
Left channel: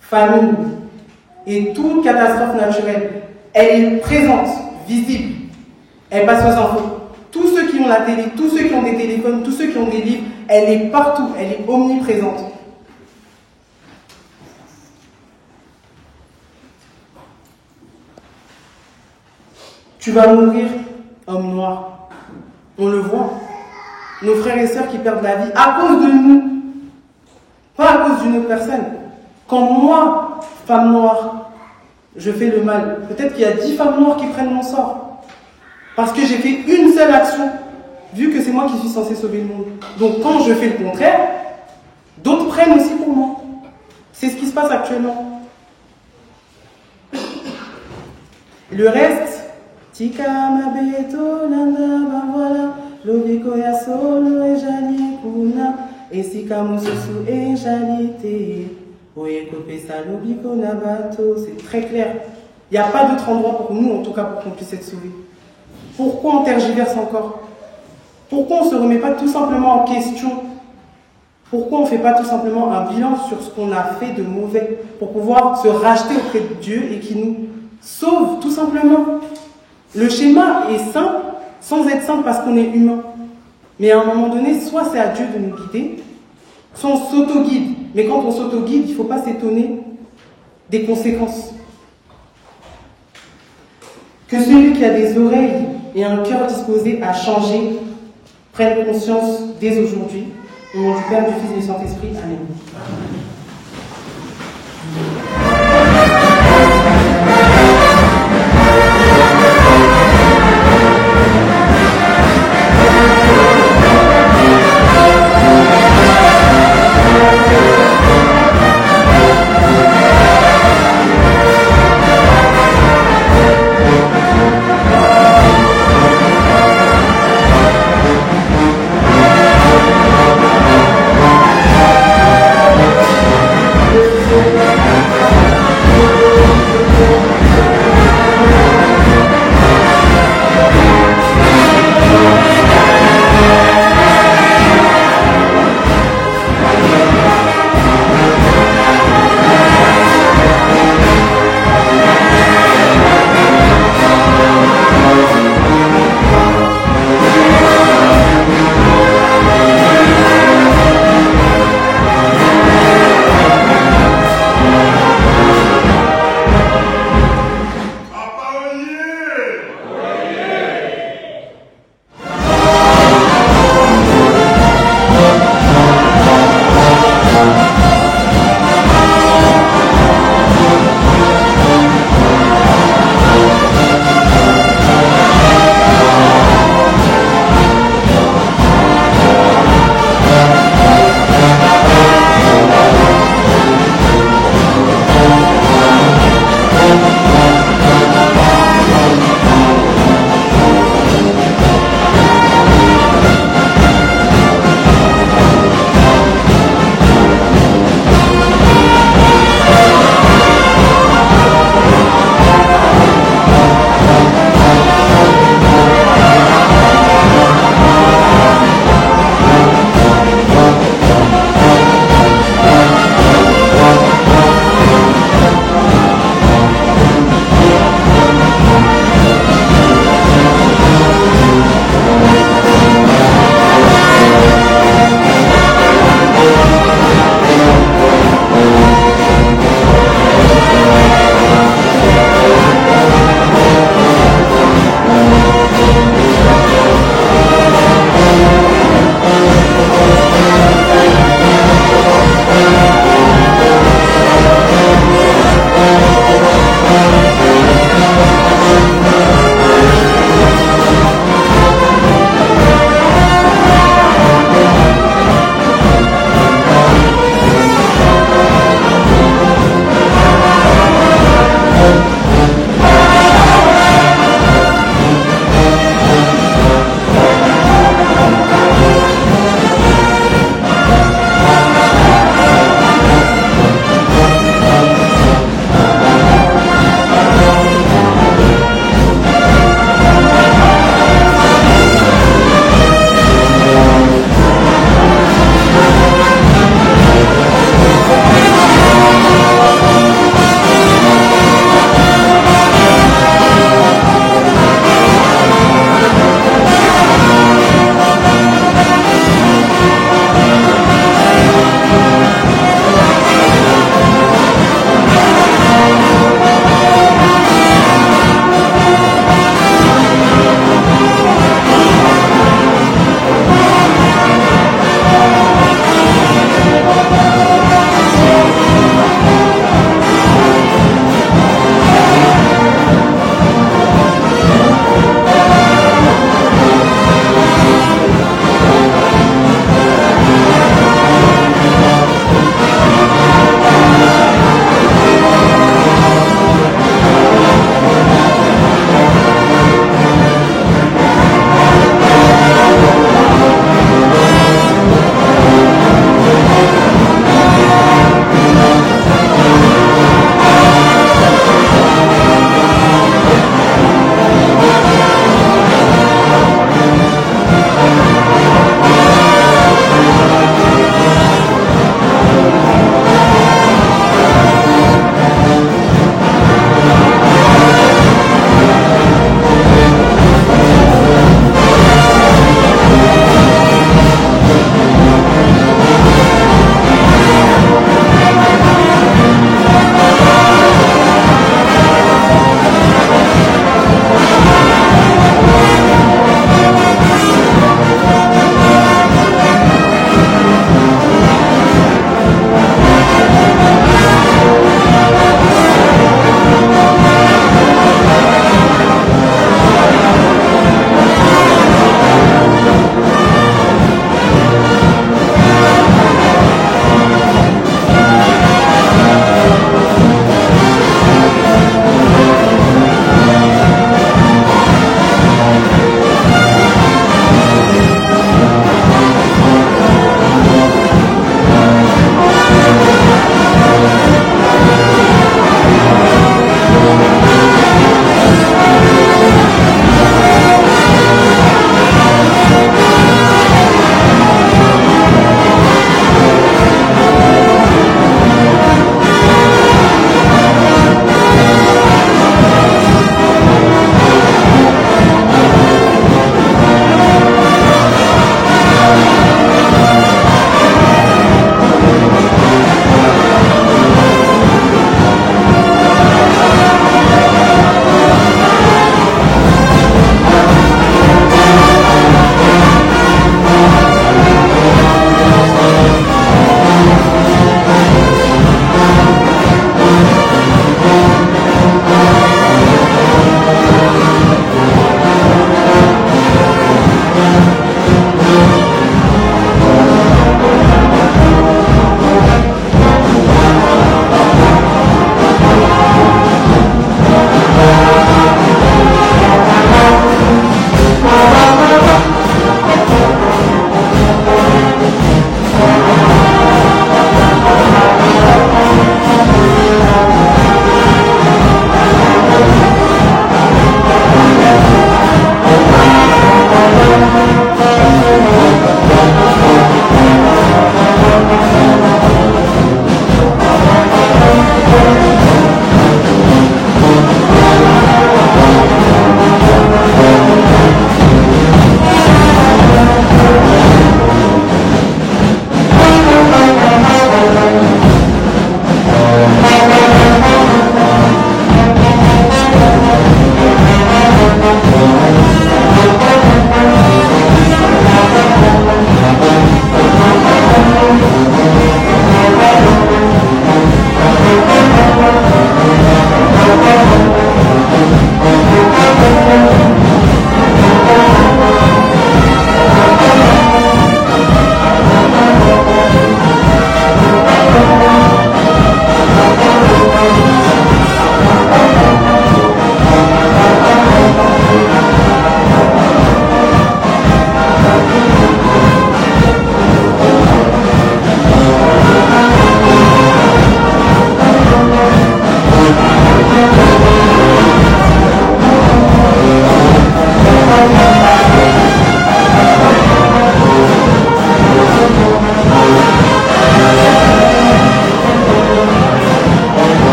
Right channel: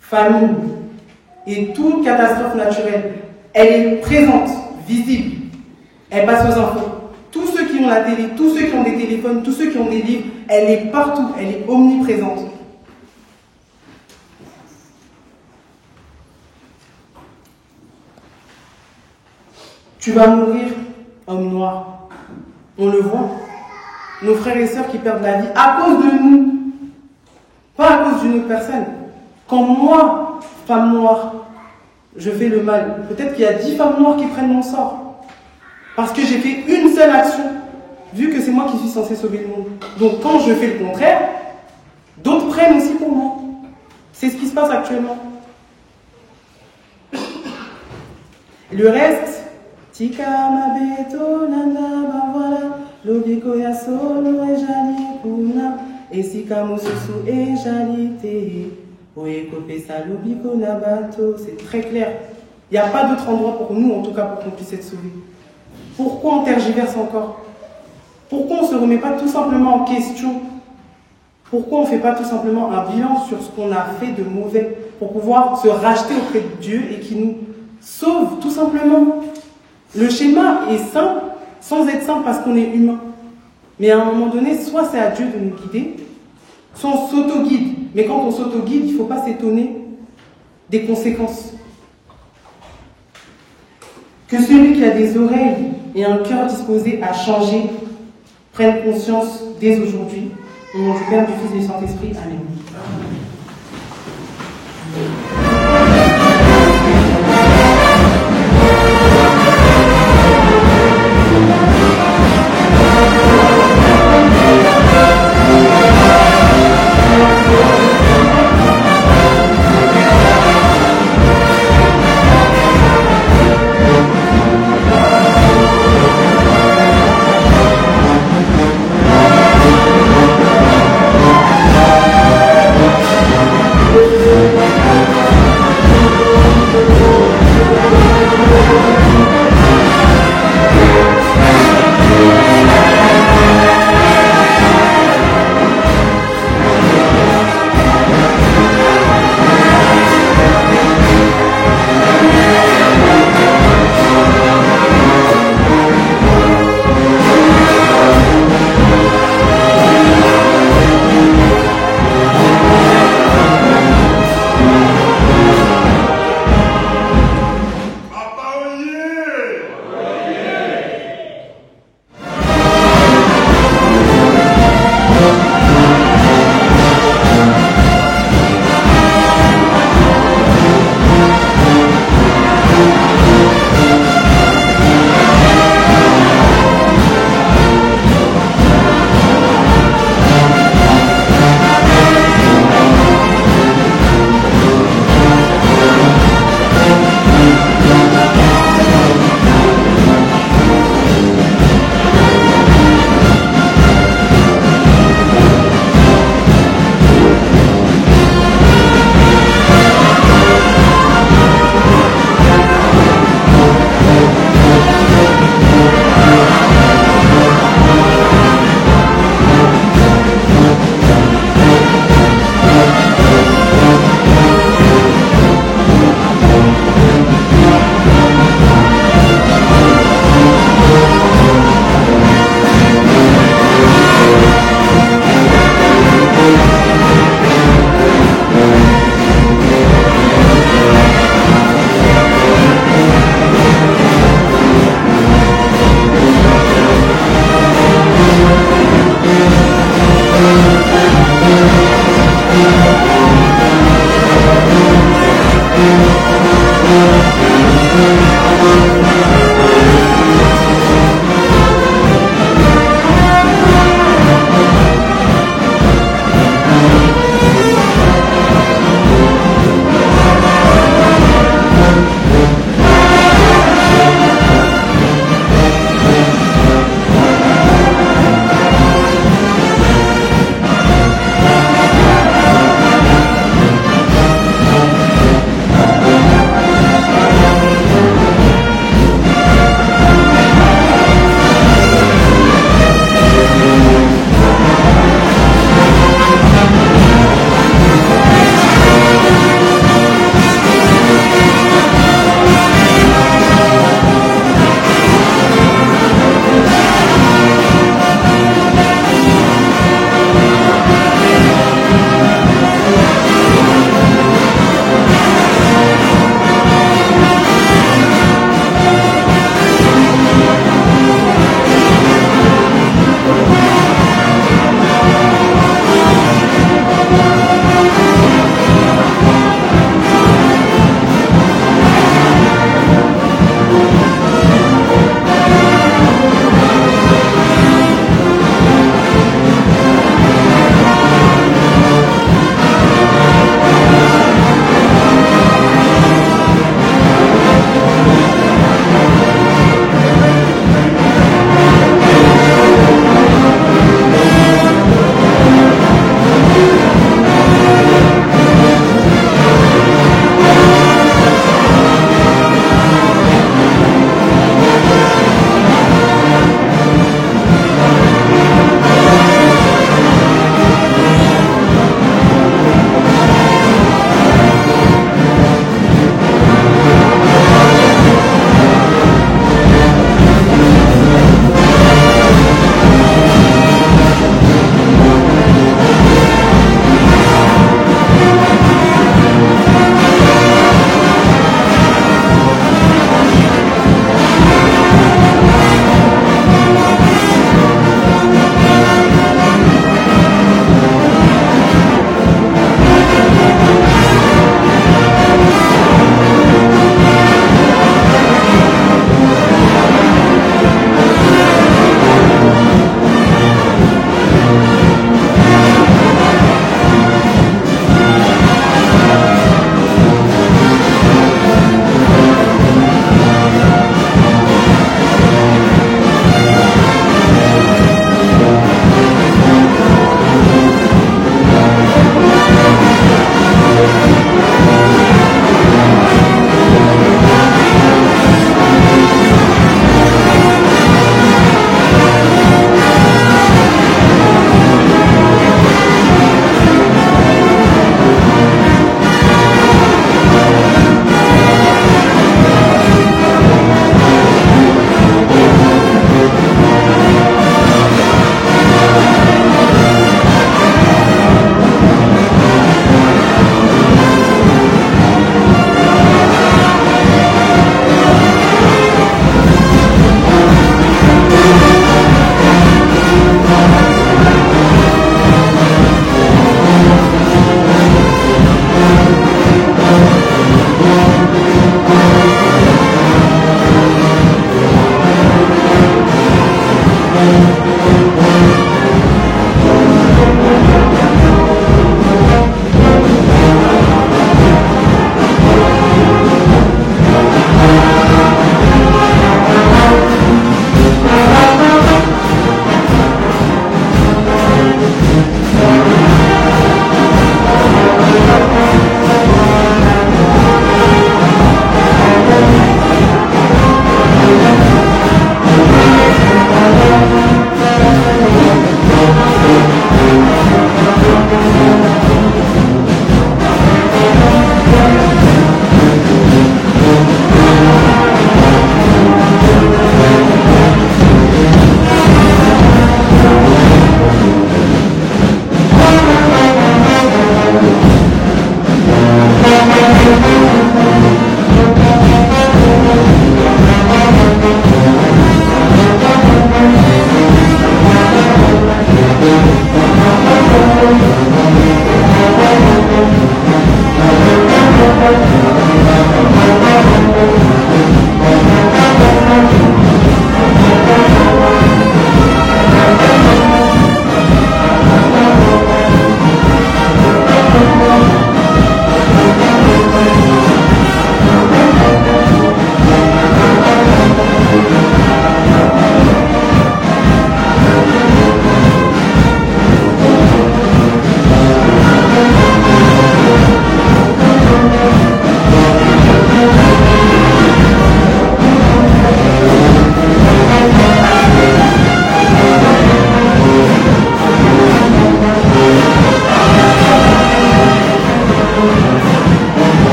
famine, et toute catastrophe naturelle. Elle est présente, visible. Elle passe aux infos. Tous ceux qui ont la télé, tous ceux qui ont des téléphones, tous ceux qui ont des livres, elle est partout, elle est omniprésente. Tu vas mourir, homme noir. On le voit. Nos frères et sœurs qui perdent la vie à cause de nous. Pas à cause d'une autre personne. Quand moi, femme noire, je fais le mal, peut-être qu'il y a 10 femmes noires qui prennent mon sort. Parce que j'ai fait une seule action, vu que c'est moi qui suis censée sauver le monde. Donc quand je fais le contraire, d'autres prennent aussi pour moi. C'est ce qui se passe actuellement. Le reste, tika mabeto nana voilà, lobiko ya solo e jali kuna, et sika mususu e jalite, oeko pesa lobiko na bato. C'est très clair. Il n'y a pas d'autre endroit pour nous, en tout cas, pour qu'on puisse être sauvés. Pourquoi on tergiverse encore? Pourquoi on ne se remet pas tout simplement en question? Pourquoi on ne fait pas tout simplement un bilan sur ce qu'on a fait de mauvais pour pouvoir se racheter auprès de Dieu et qui nous sauve tout simplement? Le schéma est simple, sans être simple parce qu'on est humain. Mais à un moment donné, soit c'est à Dieu de nous guider, soit on s'auto-guide. Mais quand on s'auto-guide, il ne faut pas s'étonner des conséquences. Que celui qui a des oreilles et un cœur disposé à changer prenne conscience dès aujourd'hui. Au nom du Père, du Fils et du Saint-Esprit. Amen.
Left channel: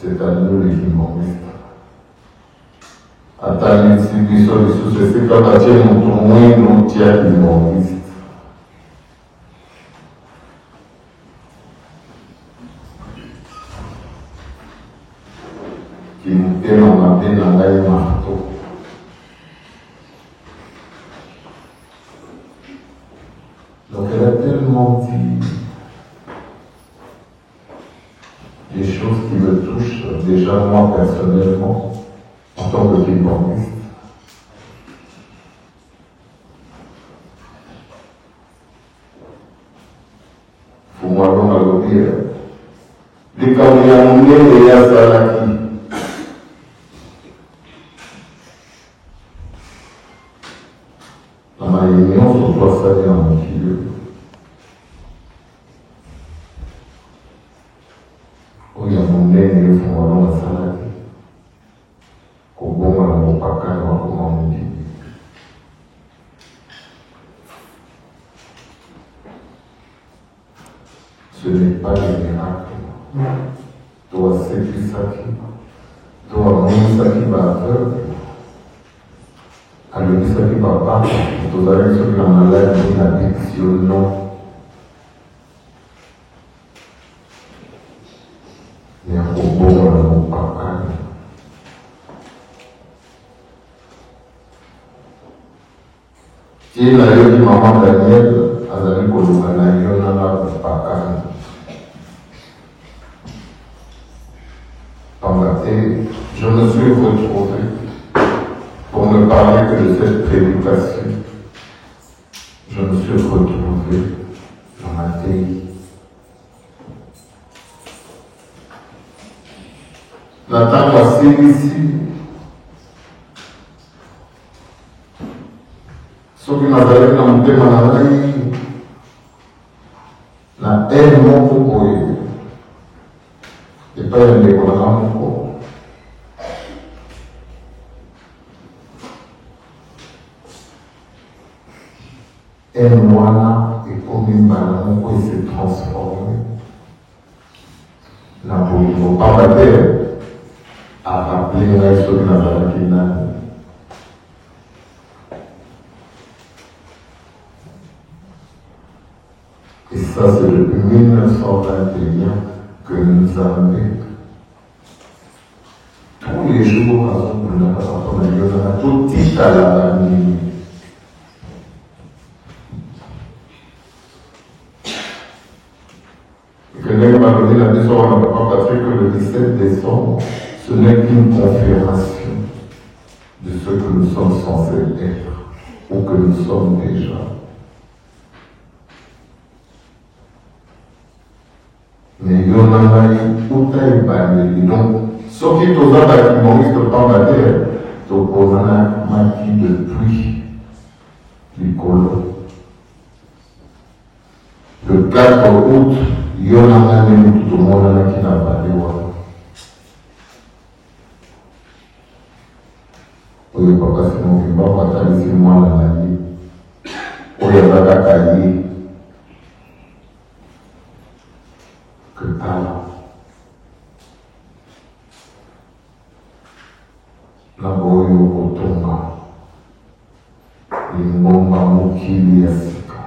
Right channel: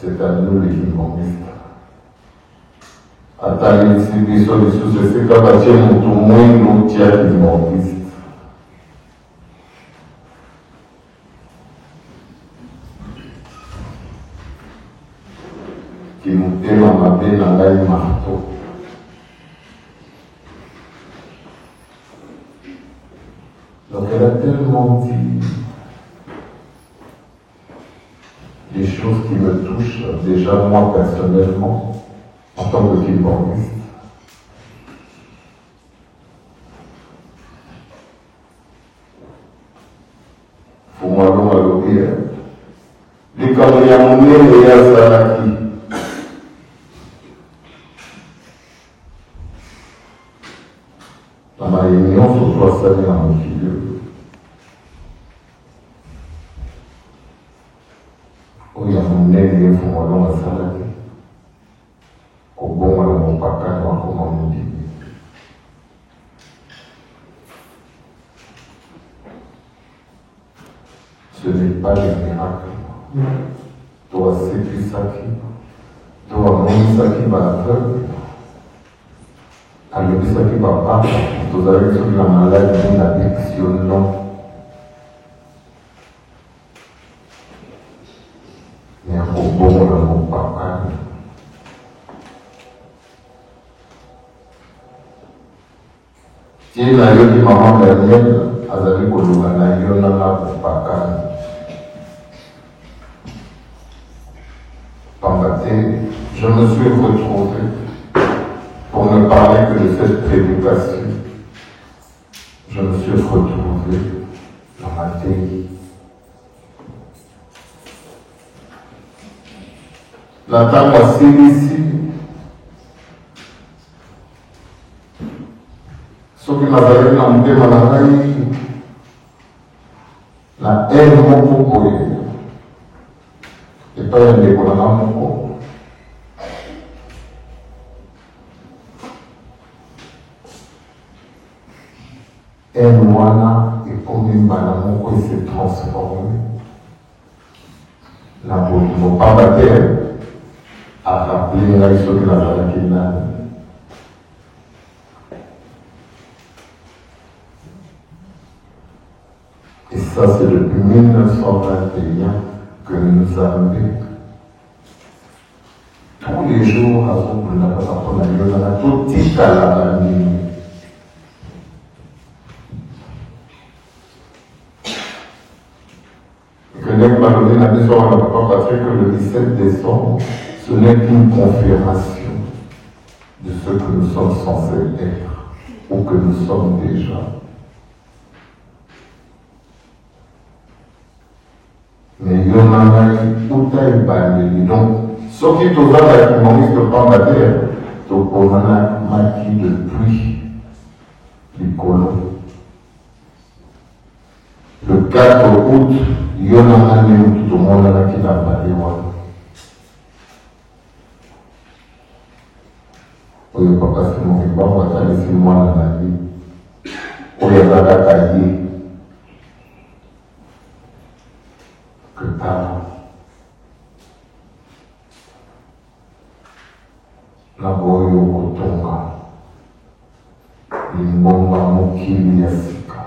C'est à nous les humoristes. Attendez, si vous sous ce fait qu'à nous tournons nos tiers humoristes. Qui nous fait en appel dans l'ail marteau. Donc elle a tellement dit des choses qui me touchent déjà moi personnellement en tant que humoriste. Pour moi, on va le dire. Les Camerounais et les Azalaki. Dans la réunion, je vois ça en milieu. Il y a mon aîné qui m'a donné la salade. Au bon, là, mon papa, comment on dit. Ce n'est pas le miracle. Toi, c'est plus ça qui. Toi, mon ça qui va aveugle. Quand le ça qui va pas, vous avez sur la maladie, l'addiction. Et la yoni maman Daniel a d'aller kolokana yona na kupakana. Je me suis retrouvé pour ne parler que de cette prédication. Je me suis retrouvé dans la terre. La table a ici. Soki nazalaki na motema na ngai na ene moko boye epai ya ndeko na moko ene wana ekomi mbala moko ese transforme na bolingo pamba te arappele ngai soki nazalaki nani. Et ça, c'est depuis 1921 que nous avons tous les jours, avant de la tout petit à la nuit. Et que l'Église m'a donné la mission à Papa Patrick que le 17 décembre, ce n'est qu'une confirmation de ce que nous sommes censés être, ou que nous sommes déjà. Mais il y a tout à y donc, ce qui est aux autres humoristes par la terre, c'est au maquis de pluie qui colle. Le 4 août, il y a un année où tout le monde qui l'a parlé. Pour le papa, c'est mon vivant, parce que c'est moi la vie. Pour le papa, cahier. Que tala. La boyo kotonga. Limbonga mokili ya sika.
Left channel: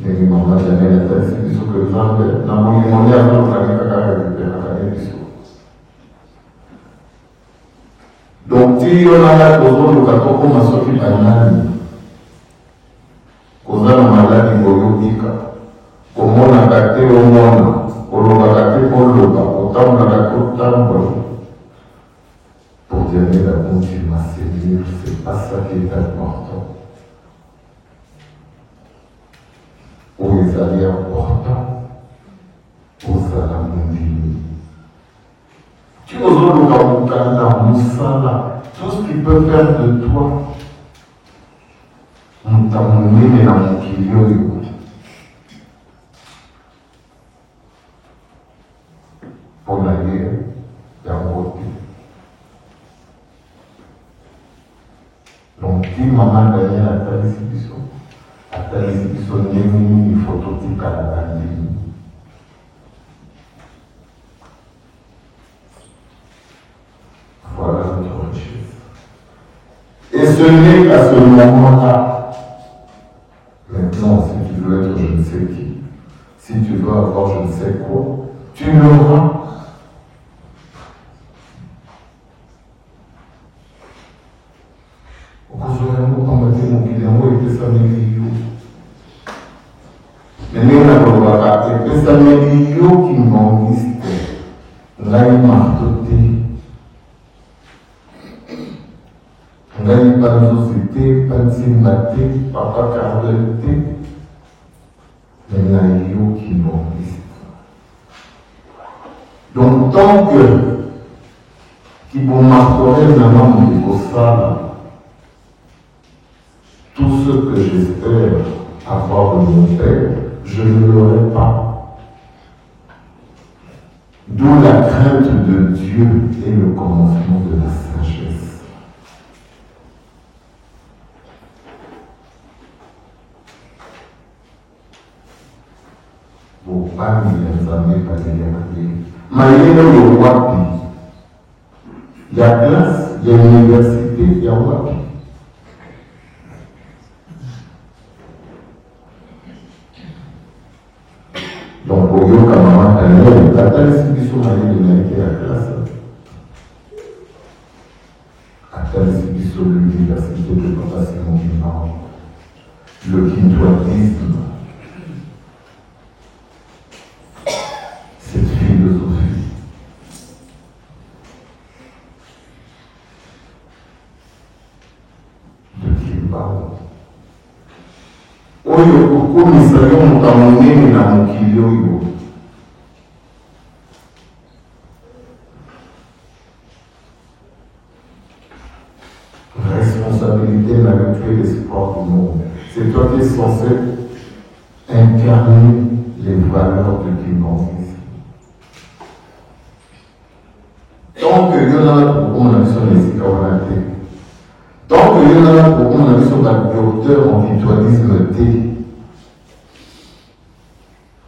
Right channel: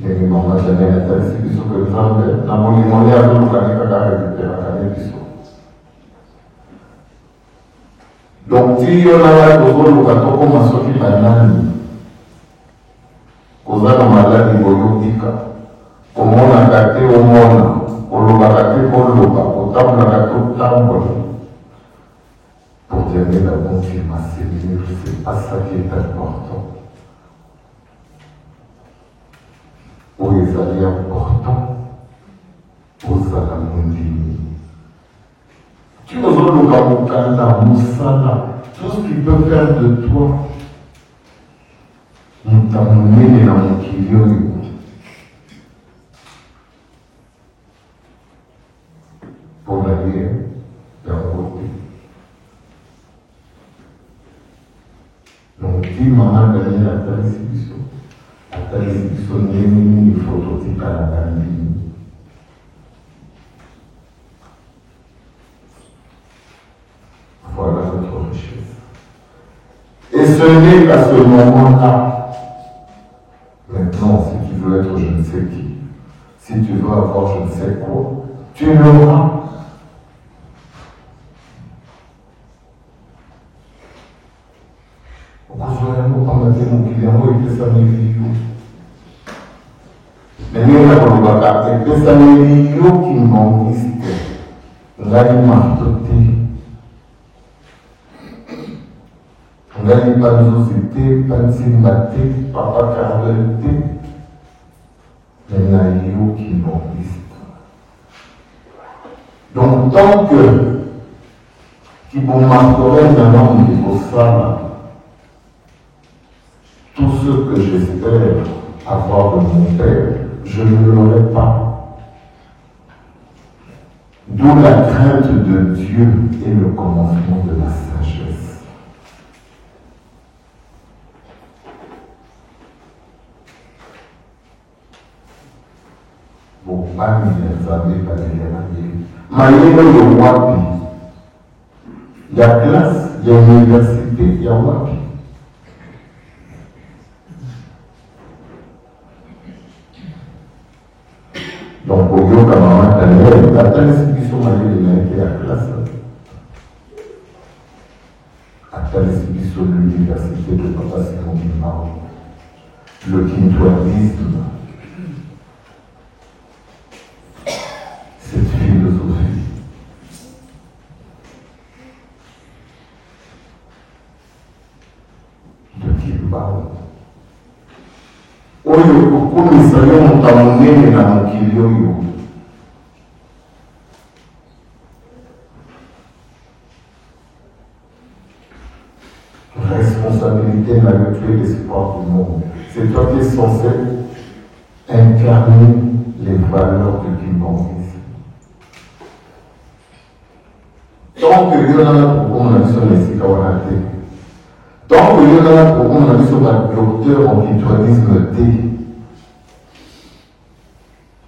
Negi mona jane na tasi biso ke zambe. Na moni moni ya mona kaka kaka kaka biso. Donc, si on a le rôle de comment on s'occupe d'un âne, on a la maladie biologique, comment on a gâté au monde, on a gâté pour le pas, autant on a gâté au temps. Pour dire la bonne Dieu m'a servi, c'est pas ça qui est important. Pour les alliés importants, pour ça la mondiale. Tu nous as le Gamukanda, Moussala, tout ce qui peut faire de toi, on t'a mené dans mon kilion. Pour l'aller, et en côté. Donc, qui maman gagné la qualification, la qualification d'une phototype à la galerie. Voilà notre richesse. Et ce n'est qu'à ce moment-là, maintenant, si tu veux être je ne sais qui, si tu veux avoir je ne sais quoi, tu l'auras. Mais nous avons que ça n'est qui m'ont risqué. Nous avons tout nous avons pas de société, pas de sympathie, papa carolité. Mais nous avons qui m'ont risqué. Donc, tant que qui vont marquer vraiment de ça, tout ce que j'espère avoir de mon père, je ne l'aurai pas. D'où la crainte de Dieu et le commencement de la sagesse. Bon, amis, les amis, pas les amis. Maïna le Wapi. Il y a classe, il y a université, il y a Wapi. Donc, au lieu que maman t'a dit, t'as ta distribution maillée de l'unité à la classe. À ta distribution de l'université de papa Simon Guimard. Le quintoisisme. Cette philosophie. De qui il parle. Oyo kukumisa yomuka munene na mukili oyo. Responsabilité n'a plus l'espoir du monde. C'est toi qui es censé incarner les valeurs de l'humanisme. Tant que Dieu n'a pas pour qu'on a sur les citoyennetés, tant que Dieu n'a pas pour qu'on a sur la docteur en mutualisme T,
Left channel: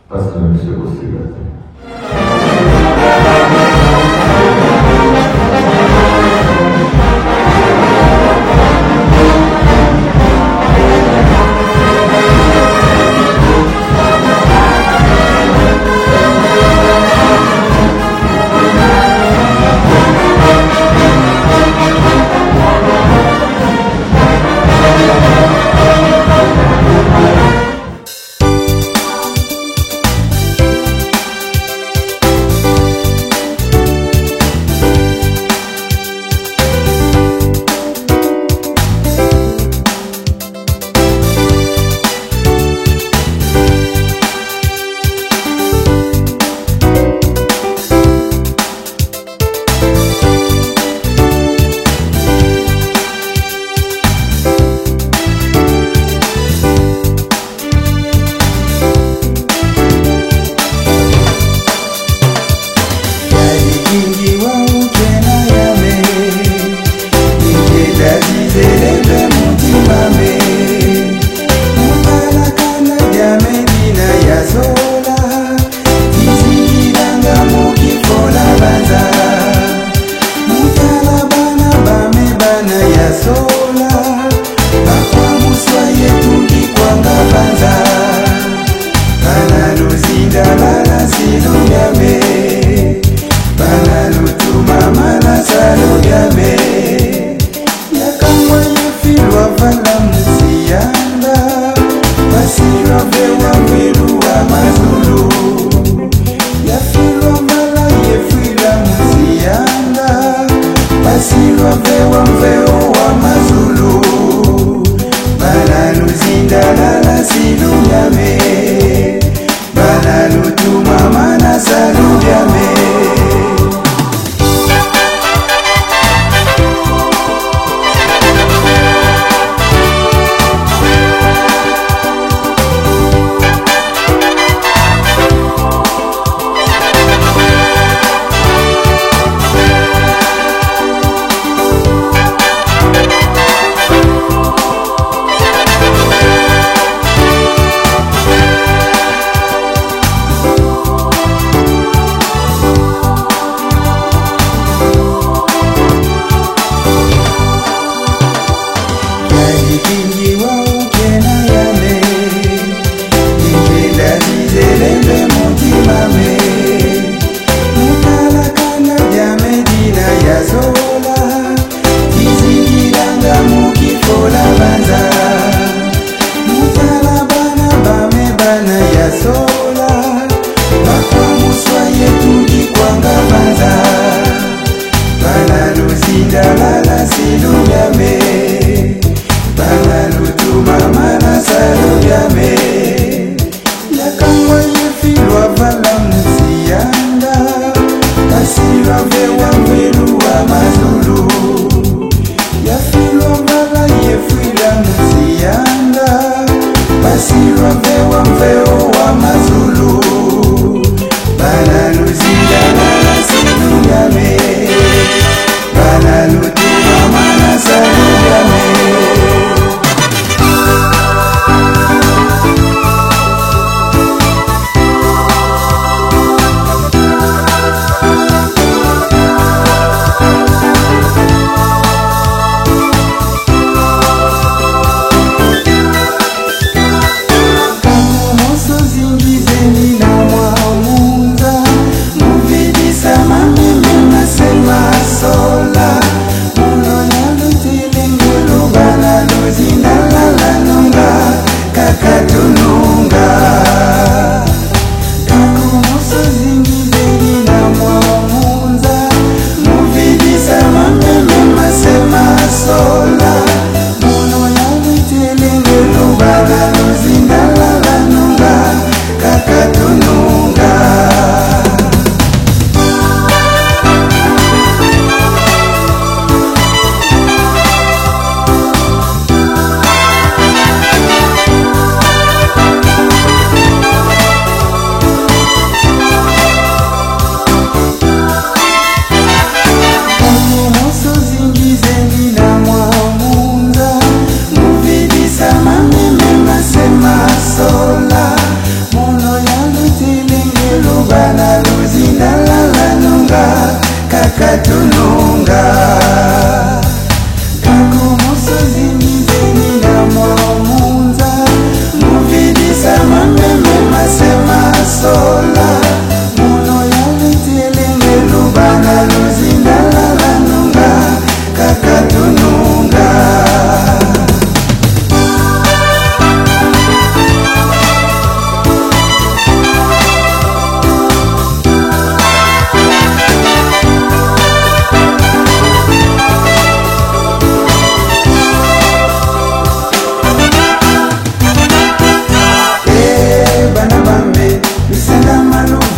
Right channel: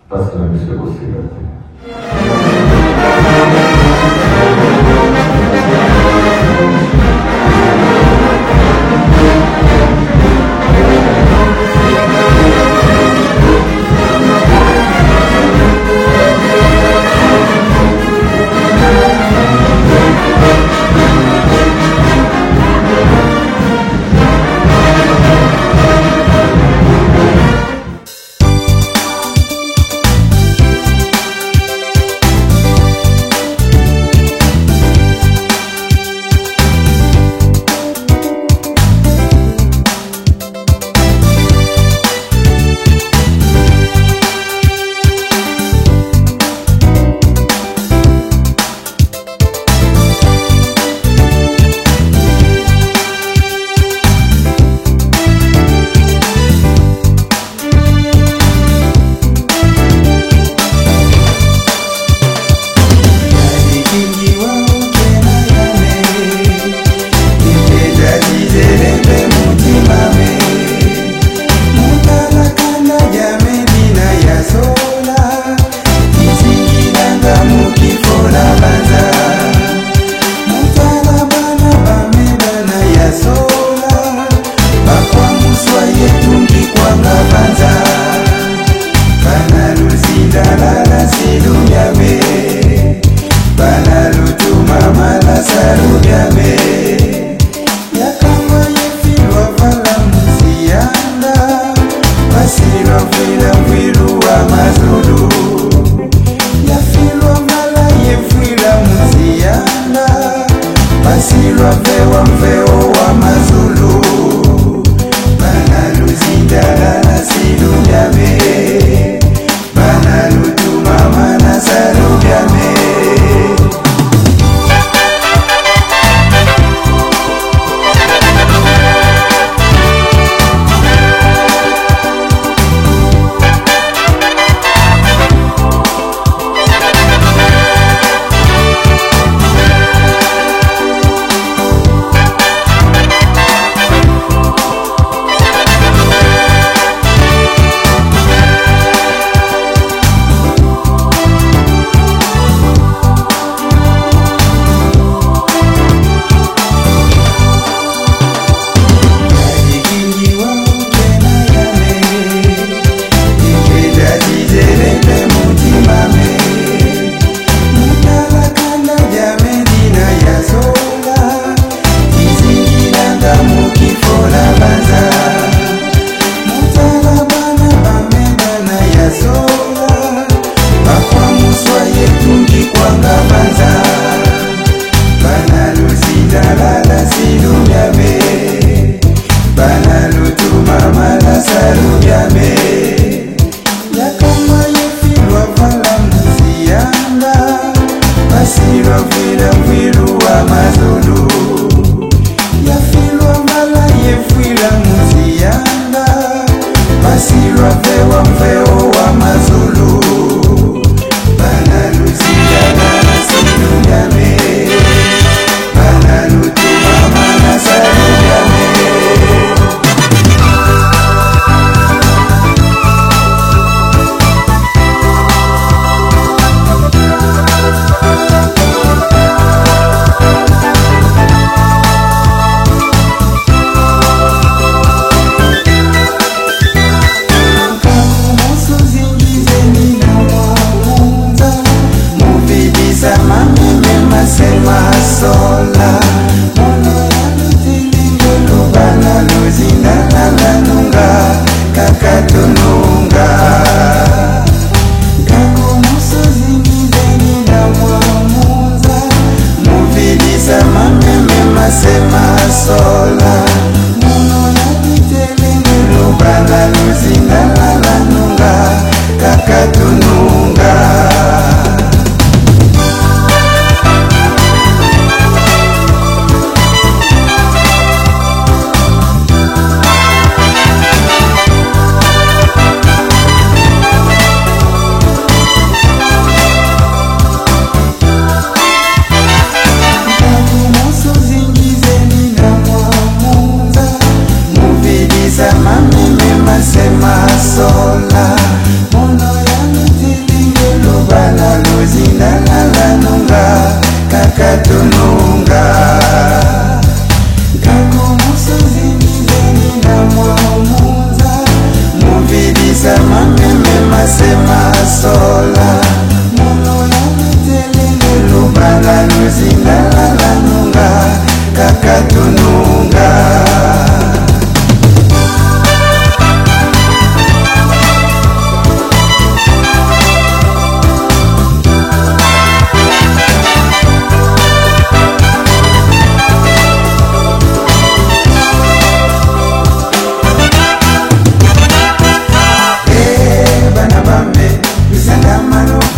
parce que monsieur aussi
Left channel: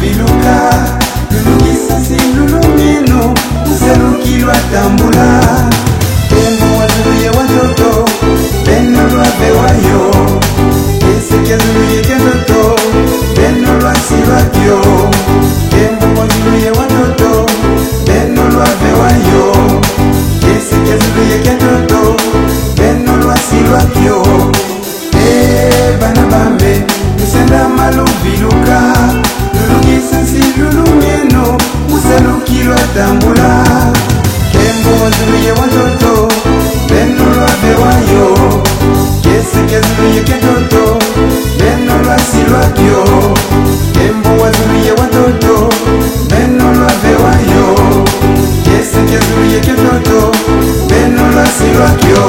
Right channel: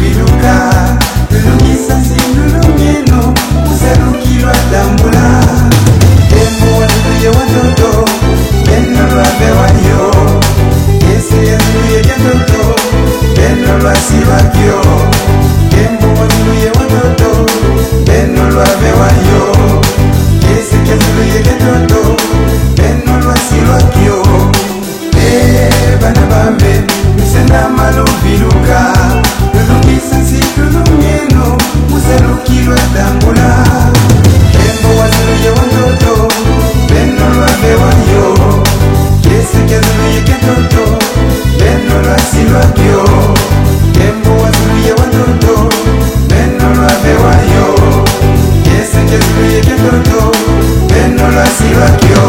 maluviluka lulungisa silulungino uselukilwa tambula tembo watuluye watoto beno lwabewayo esekeluluye ketoto beno lwasilwakyo tembo watuluye watoto beno lwabewayo esekeluluye ketoto beno lwasilwakyo bana bambe misenda maluviluka lulungisa silulungino uselukilwa tambula tembo watuluye watoto beno lwabewayo yesekeluluye ketoto beno lwasilwakyo tembo watuluye watoto beno lwabewayo yesekeluluye ketoto beno lwasilwakyo.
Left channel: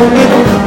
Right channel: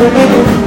Thank you.